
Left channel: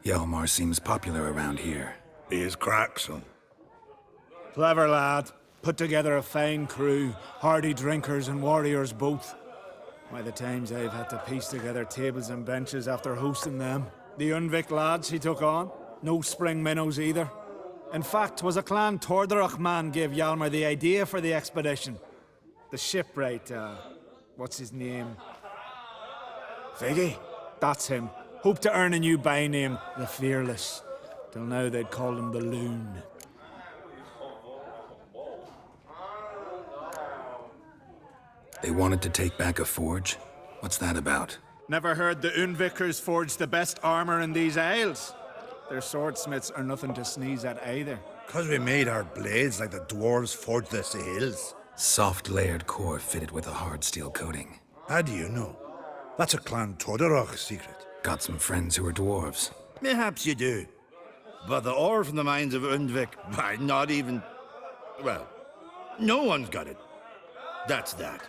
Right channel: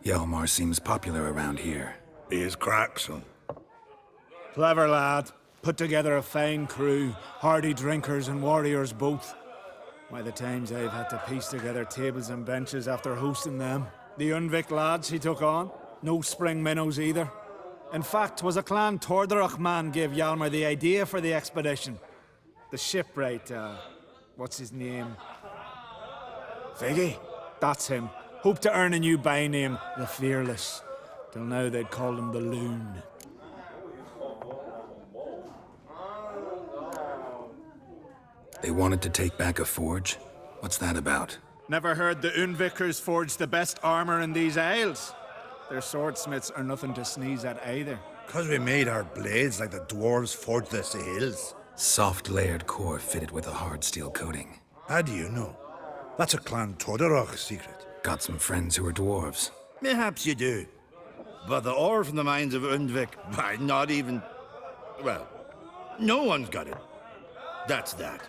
Hjalmar seems popular around here. He is crack, son. Clever lad. Put together a fine crew, hardy drinkers and warriors both. Why, the times I've had to piece together tables and benches after hosting them. The Unvik lads he took on, no spring minnows either. In fact, 'twas a Clan Tordarach man gave Hjalmar the idea for the expedition. The shipwright, what's his name? Viggy? That's him. Hoped to earn a new byname, the Fearless. Till now they'd called him the Loon. They wanted to take back a forge? What's that about? Never heard the Unvikers forged the best armor in these isles? Their swordsmiths are nothing to sneeze at either. 'Cause we made our blades like the dwarves forged the sails. Soft layered core fitted with a hard steel coating. How do you know? That's a Clan Tordarach secret. Got some friends who are dwarves. Perhaps you do. But the ore from the mines of Undvik, why, not even... Well, no one's got it. That's that.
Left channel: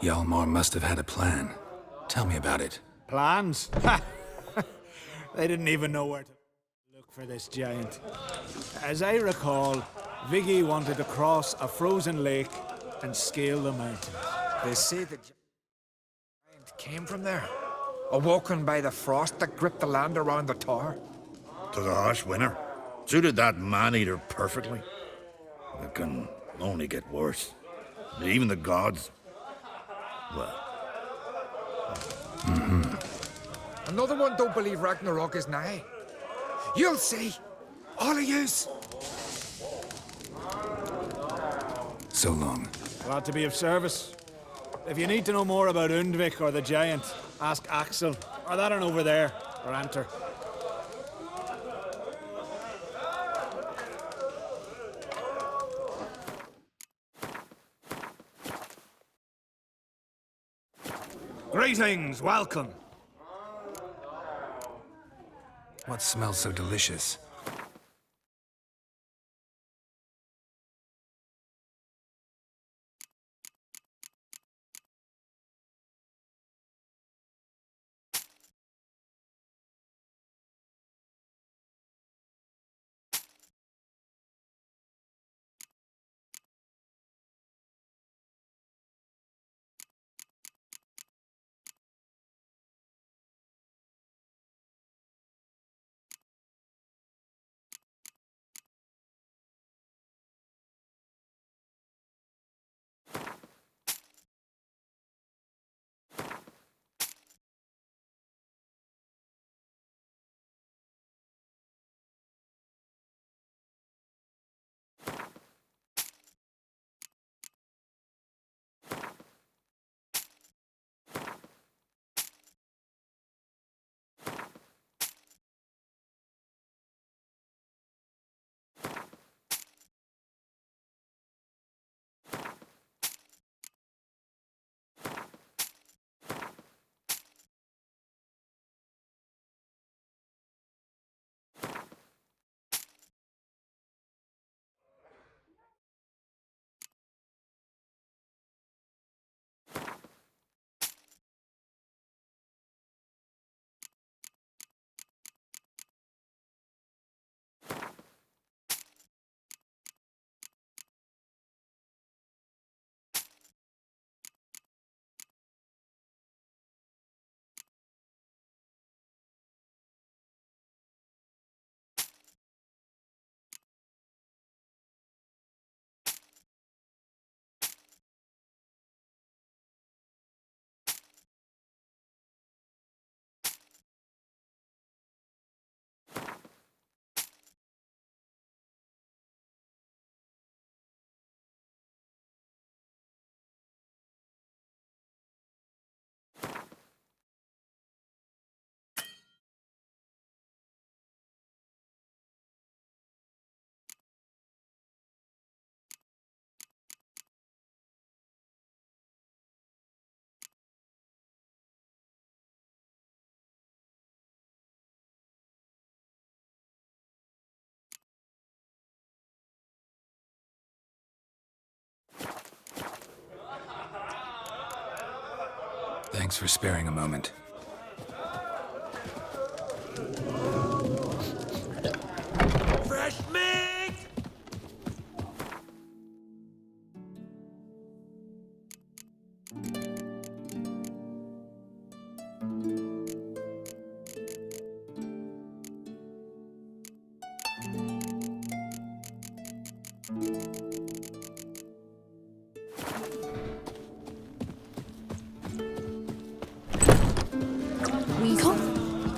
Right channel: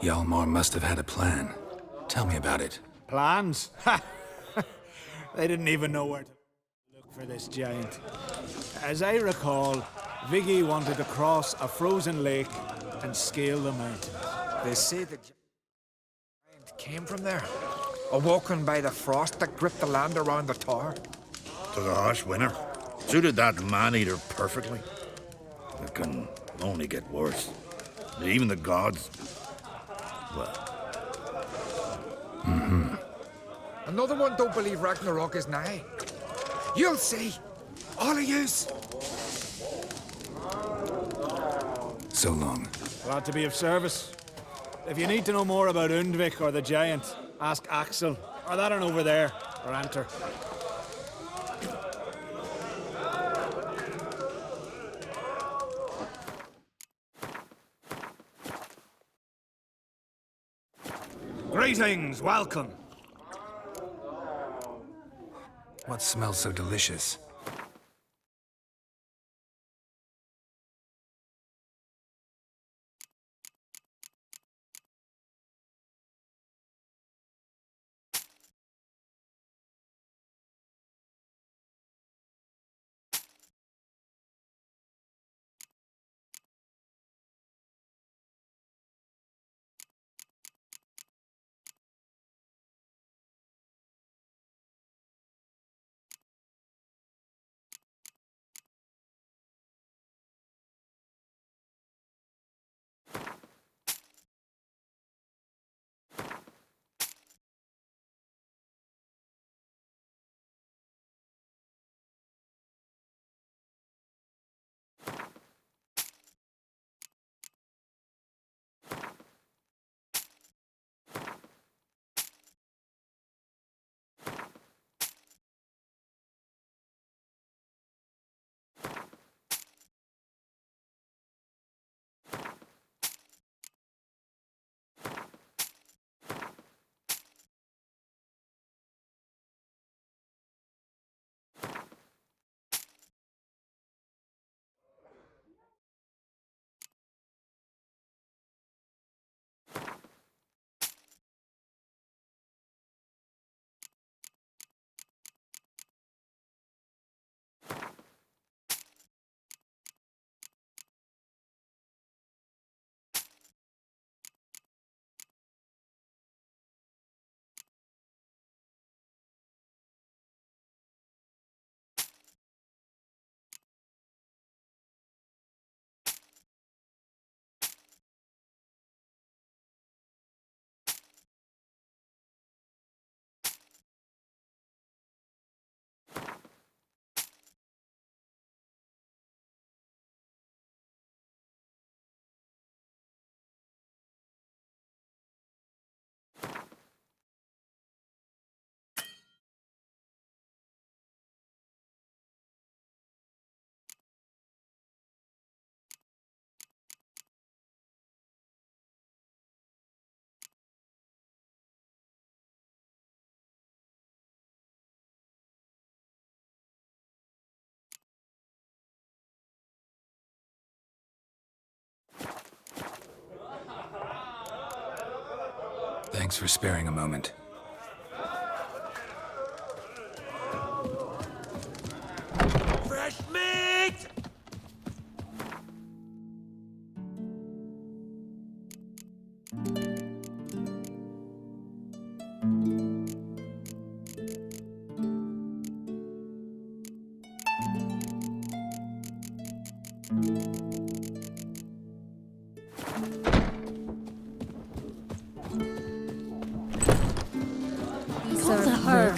Hjalmar must have had a plan. Tell me about it. Plans? Ha! They didn't even know where to look for this giant. As I recall, Viggy wanted to cross a frozen lake, and scale the mountains. They say the giant came from there, awoken by the frost that gripped the land around the tower. To the harsh winter. Suited that man-eater perfectly. It can only get worse. Even the gods... well... Another one don't believe Ragnarok is nigh. You'll see. All of yous. So long. Glad to be of service. If you need to know more about Undvik or the giant, ask Axel, or that one over there, or Anter. Greetings, welcome. What smells so delicious? Thanks for sparing a moment. Fresh meat!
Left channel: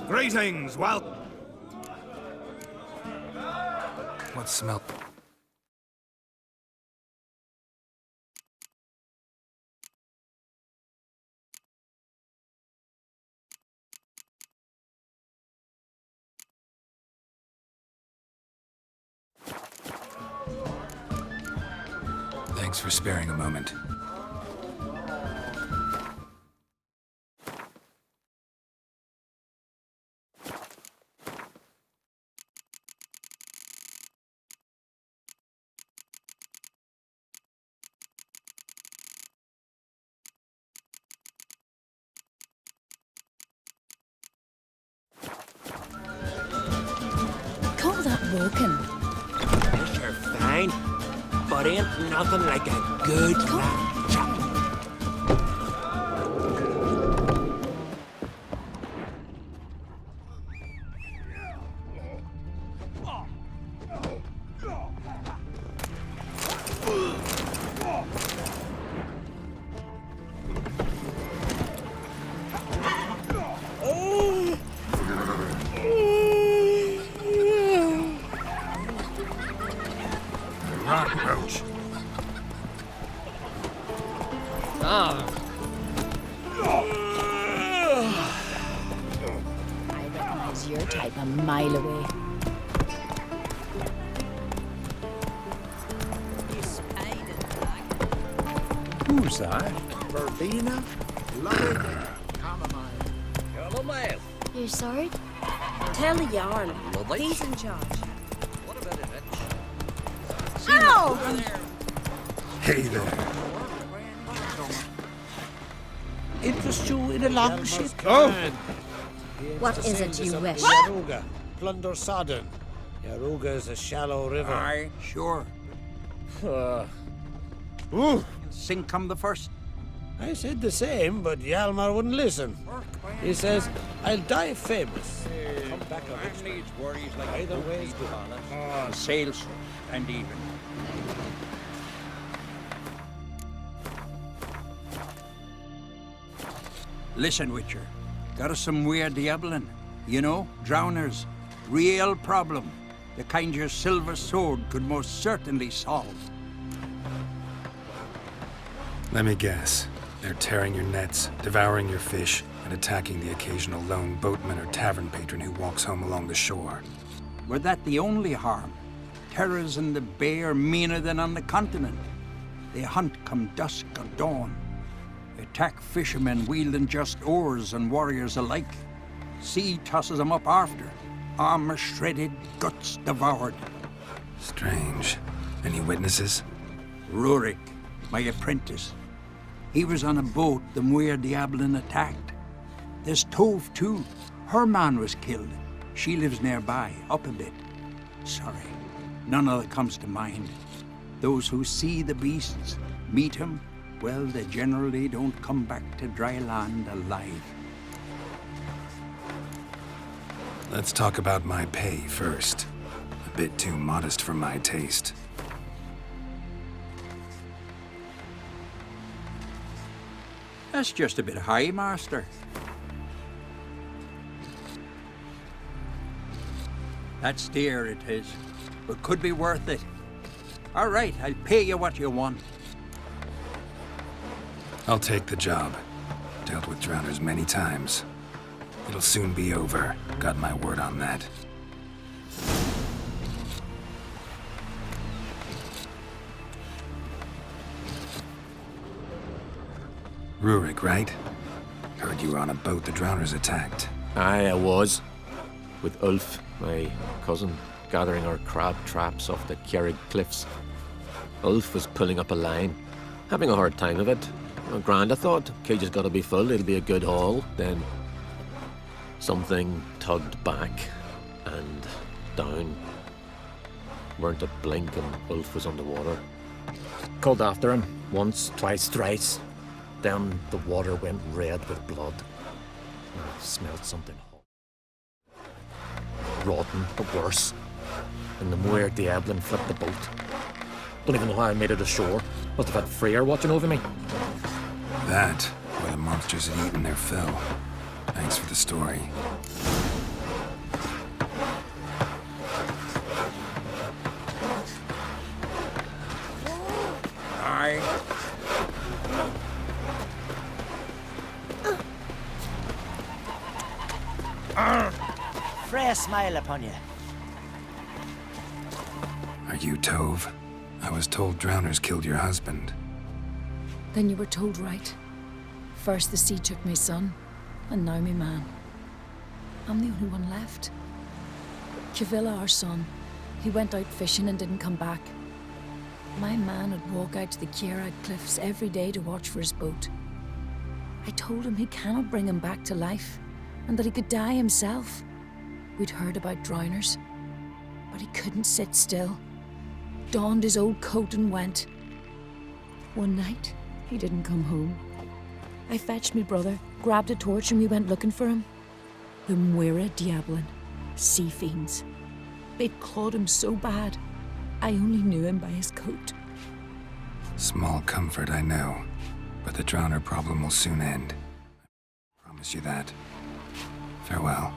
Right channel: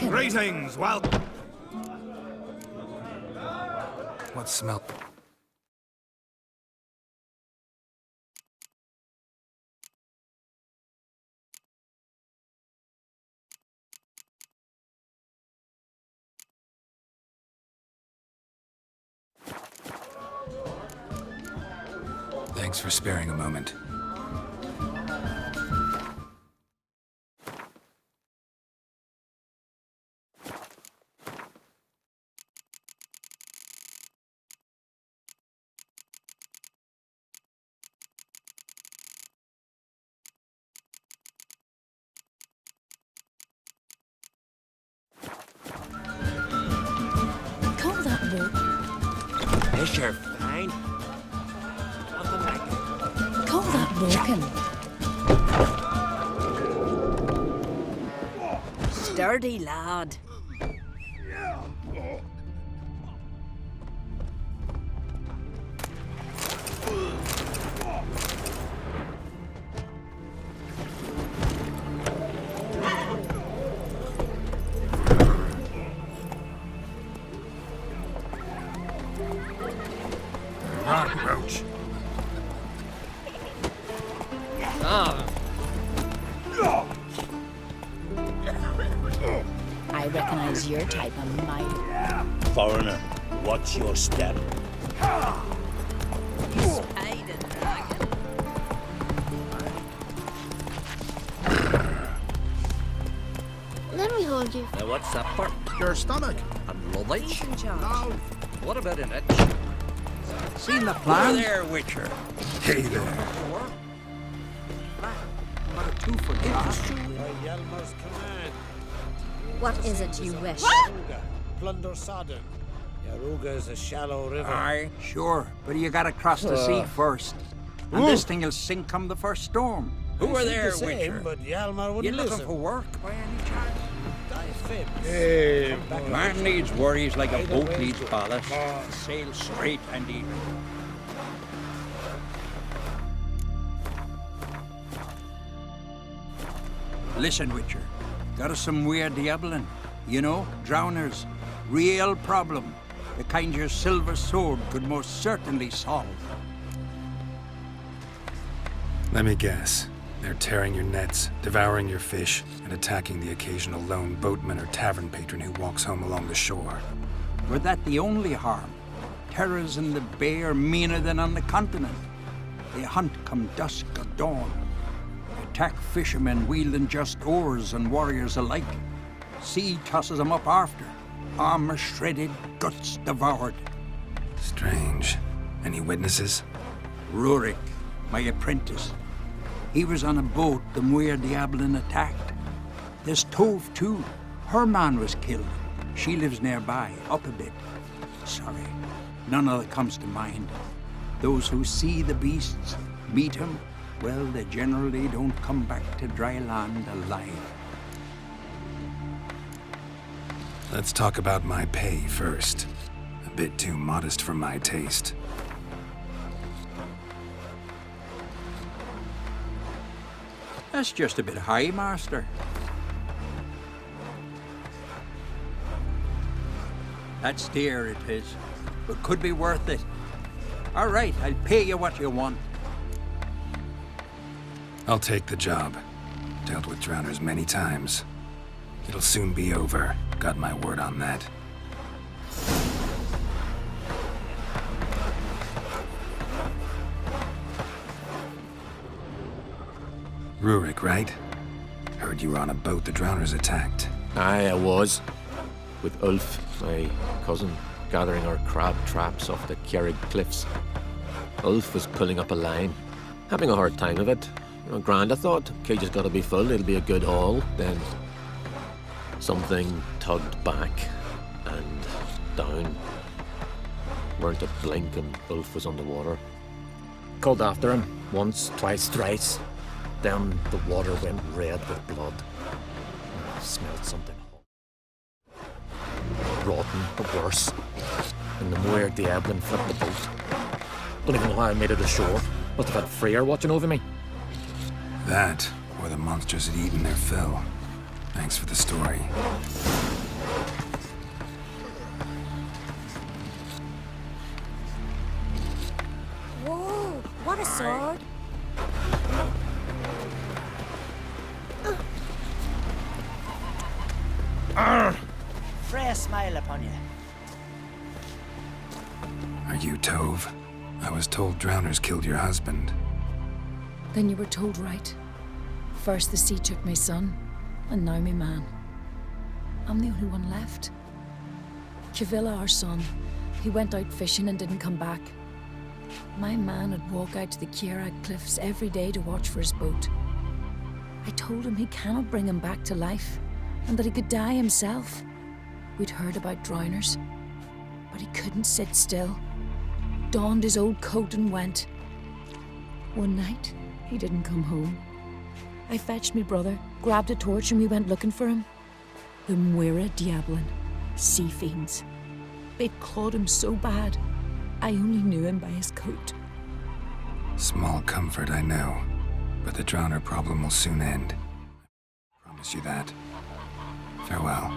Greetings, welcome. What smell? Thanks for sparing a moment. Call that walking. Yes, you're fine. But There ain't nothing like a good Sturdy lad. Roach. I recognize your type a mile away. foreigner. Watch your step. Who's that? Verbena? Let me hold you, sir. What's that for? Your Tell the stomach. yarn. Lovely. He's in charge. What about an itch? Seen the plan there, Witcher? Hey there. Interest you in a long Oh. What is it you wish? Yaruga. Plunder Sodden. Yaruga is a shallow river. Aye, sure, but you gotta cross the sea first. And this thing will sink come the first storm. I said the same, but Yalmar wouldn't listen. He says, I'll die famous. Hey, Come back man needs worries like a Either boat way's needs good. ballast. To sail straight and even. Listen, Witcher. Got us some weird diabling. You know, drowners. Real problem. The kind your silver sword could most certainly solve. Let me guess. They're tearing your nets, devouring your fish, and attacking the occasional lone boatman or tavern patron who walks home along the shore. Were that the only harm? Terrors in the bay are meaner than on the continent. They hunt come dusk or dawn. Attack fishermen wielding just oars and warriors alike. Sea tosses them up after. Armor shredded, guts devoured. Strange. Any witnesses? Rurik, my apprentice. He was on a boat the Muir Diablin attacked. There's Tove, too. Her man was killed. She lives nearby, up a bit. Sorry, none other comes to mind. Those who see the beasts, meet him, well, they generally don't come back to dry land alive. Let's talk about my pay first. A bit too modest for my taste. That's just a bit high, Master. That's dear, it is, but could be worth it. All right, I'll pay you what you want. I'll take the job. Dealt with drowners many times. It'll soon be over. Got my word on that. Rurik, right? Heard you were on a boat the drowners attacked. Aye, I was. With Ulf, my cousin, gathering our crab traps off the Kjerrig cliffs. Ulf was pulling up a line, having a hard time of it. Well, grand, I thought. Cage has got to be full, it'll be a good haul. Then something tugged back and down. Weren't a blink and Ulf was underwater. Called after him, once, twice, thrice. Then the water went red with blood. I smelled something hot. Rotten, but worse. And the Muir Diablin flipped the boat. Don't even know how I made it ashore. Must have had Freyr watching over me. That, or the monsters had eaten their fill. Thanks for the story. Whoa, what a sword. Freya smile upon you. Are you Tove? I was told drowners killed your husband. Then you were told right. First the sea took my son, and now my man. I'm the only one left. Kavilla, our son, he went out fishing and didn't come back. My man would walk out to the Kjerrig cliffs every day to watch for his boat. I told him he cannot bring him back to life, and that he could die himself. We'd heard about drowners, but he couldn't sit still. donned his old coat and went. One night, he didn't come home. I fetched me brother, grabbed a torch, and we went looking for him. The Muira Diablin, sea fiends. They'd clawed him so bad, I only knew him by his coat. Small comfort, I know. But the drowner problem will soon end. I promise you that. Farewell.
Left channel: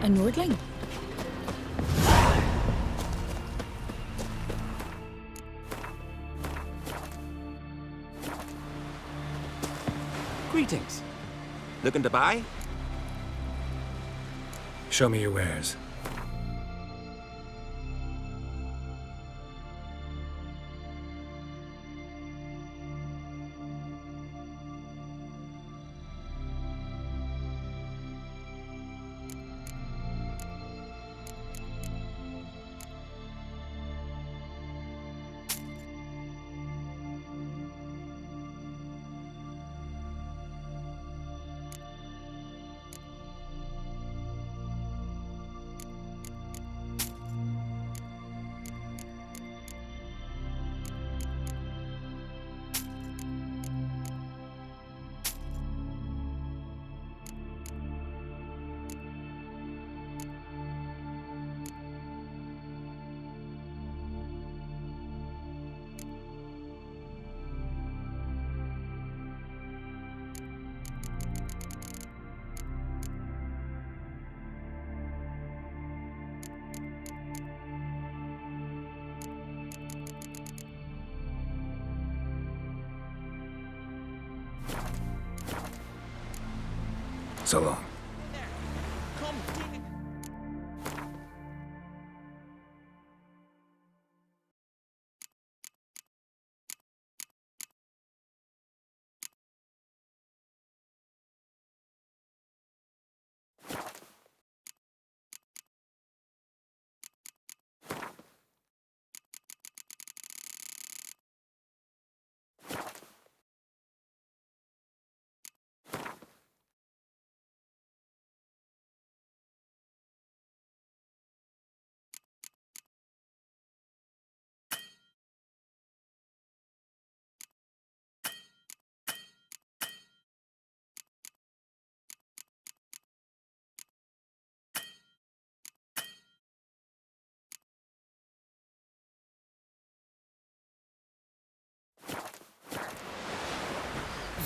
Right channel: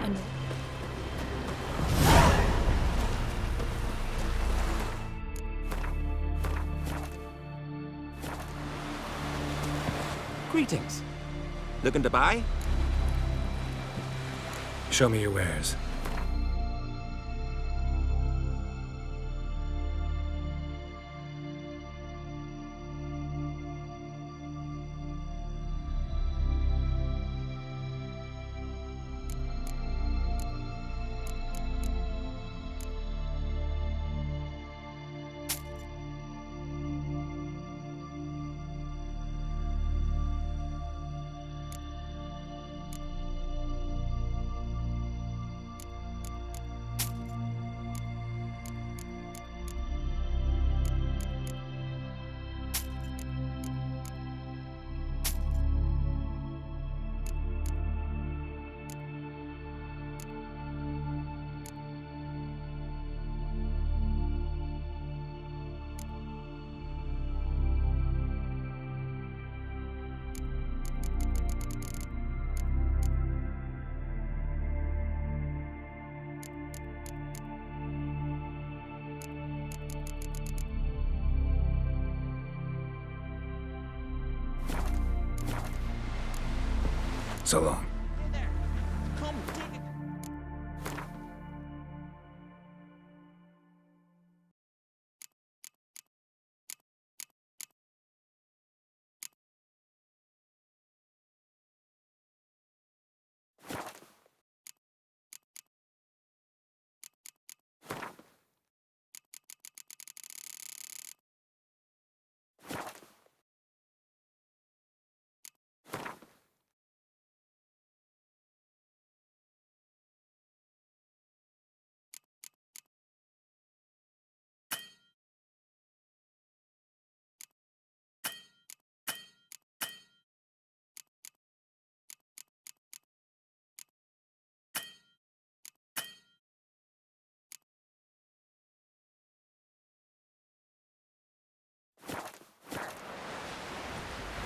A Nordling? Greetings. Looking to buy? Show me your wares. So long. Come, take it.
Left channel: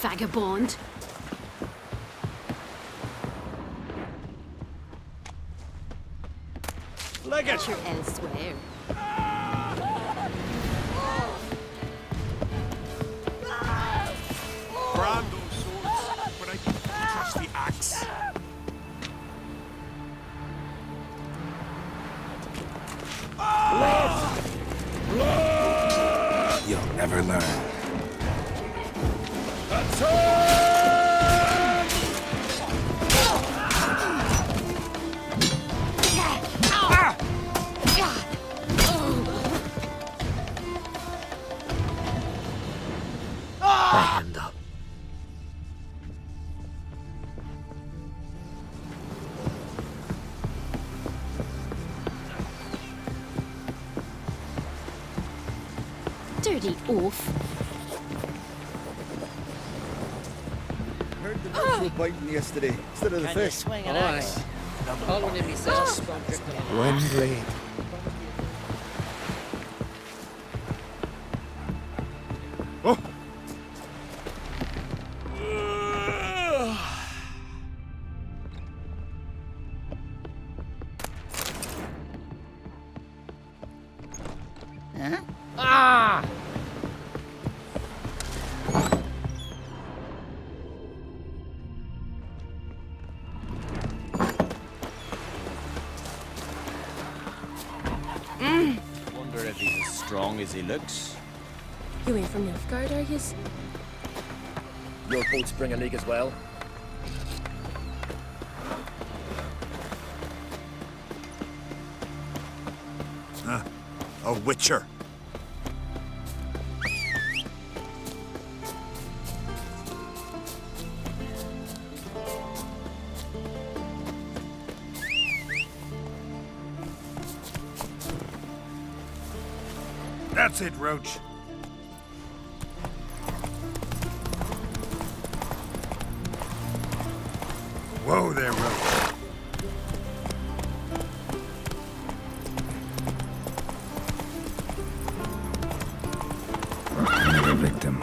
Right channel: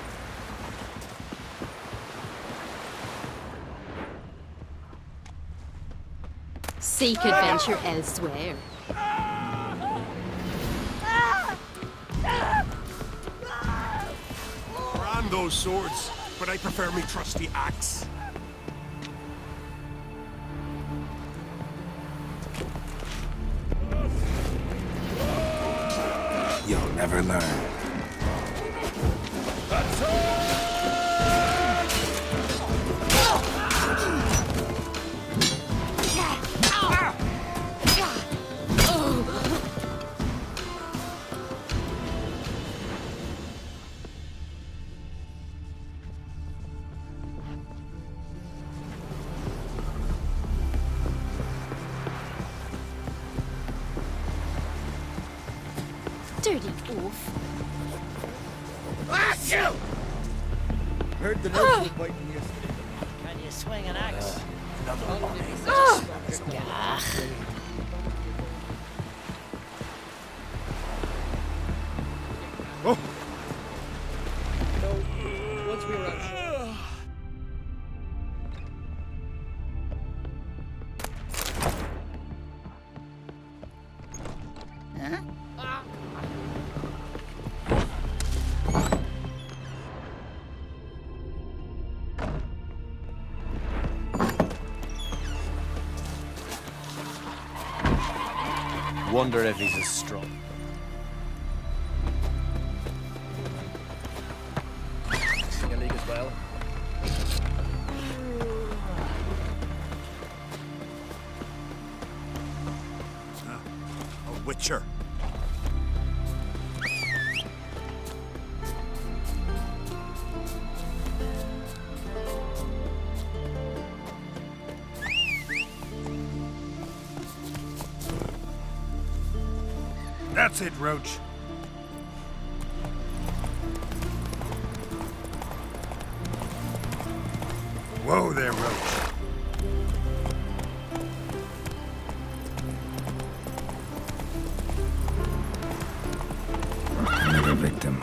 Vagabond. Seek adventure elsewhere. Brand those swords, but I prefer me trusty axe. You'll never learn. Dirty oaf. Heard the nurse were biting yesterday instead of the Can you fish. swing an axe? One blade. Oh. Huh? Ah! Wonder if he's as strong as he looks. You ain't from Nilfgaard, are you? Your boats bring a leak as well. Huh? A witcher. That's it, Roach. Whoa there, Roach. Another victim.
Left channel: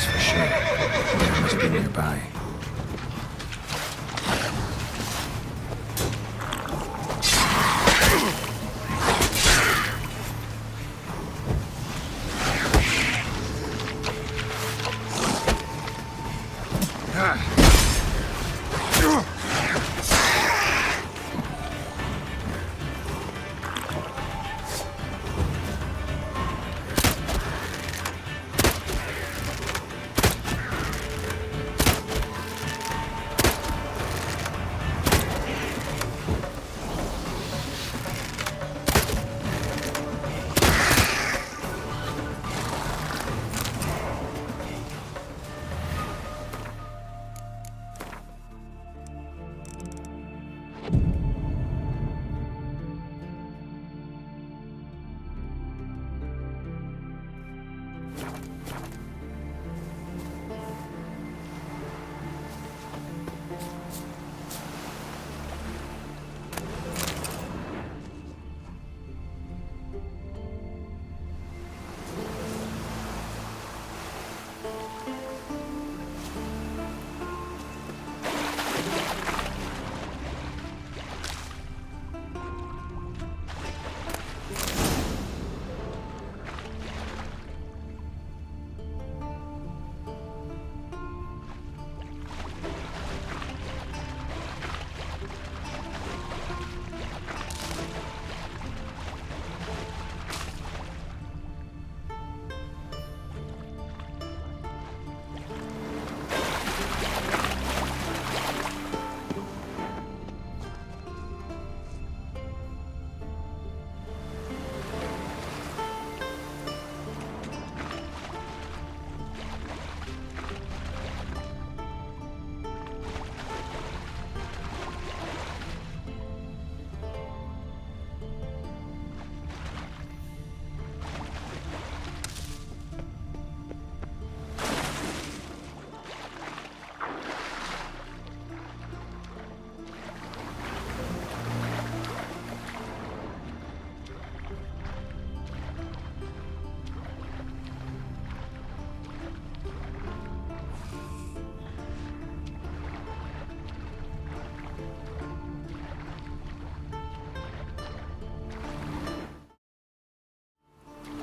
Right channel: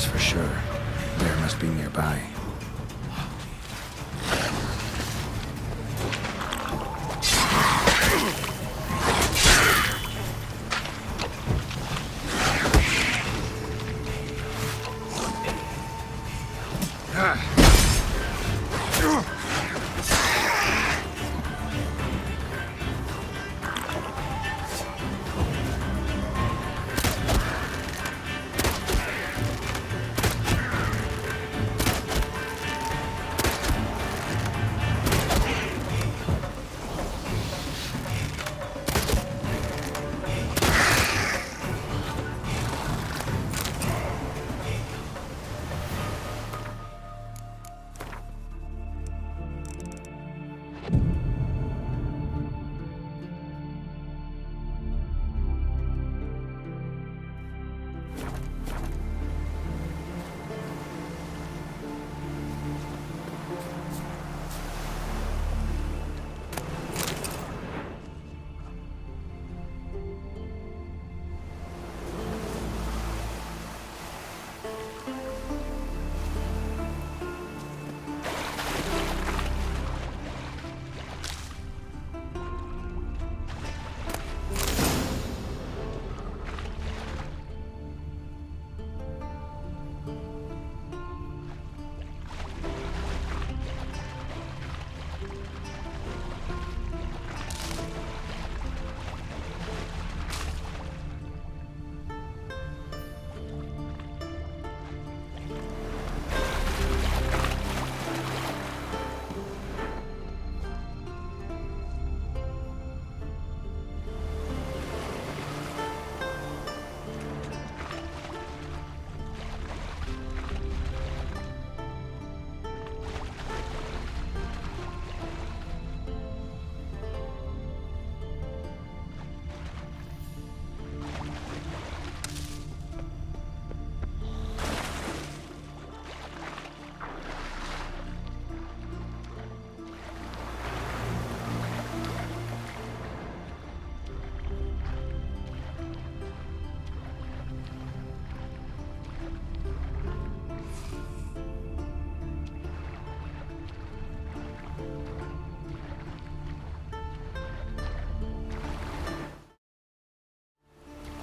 For sure. There must be nearby.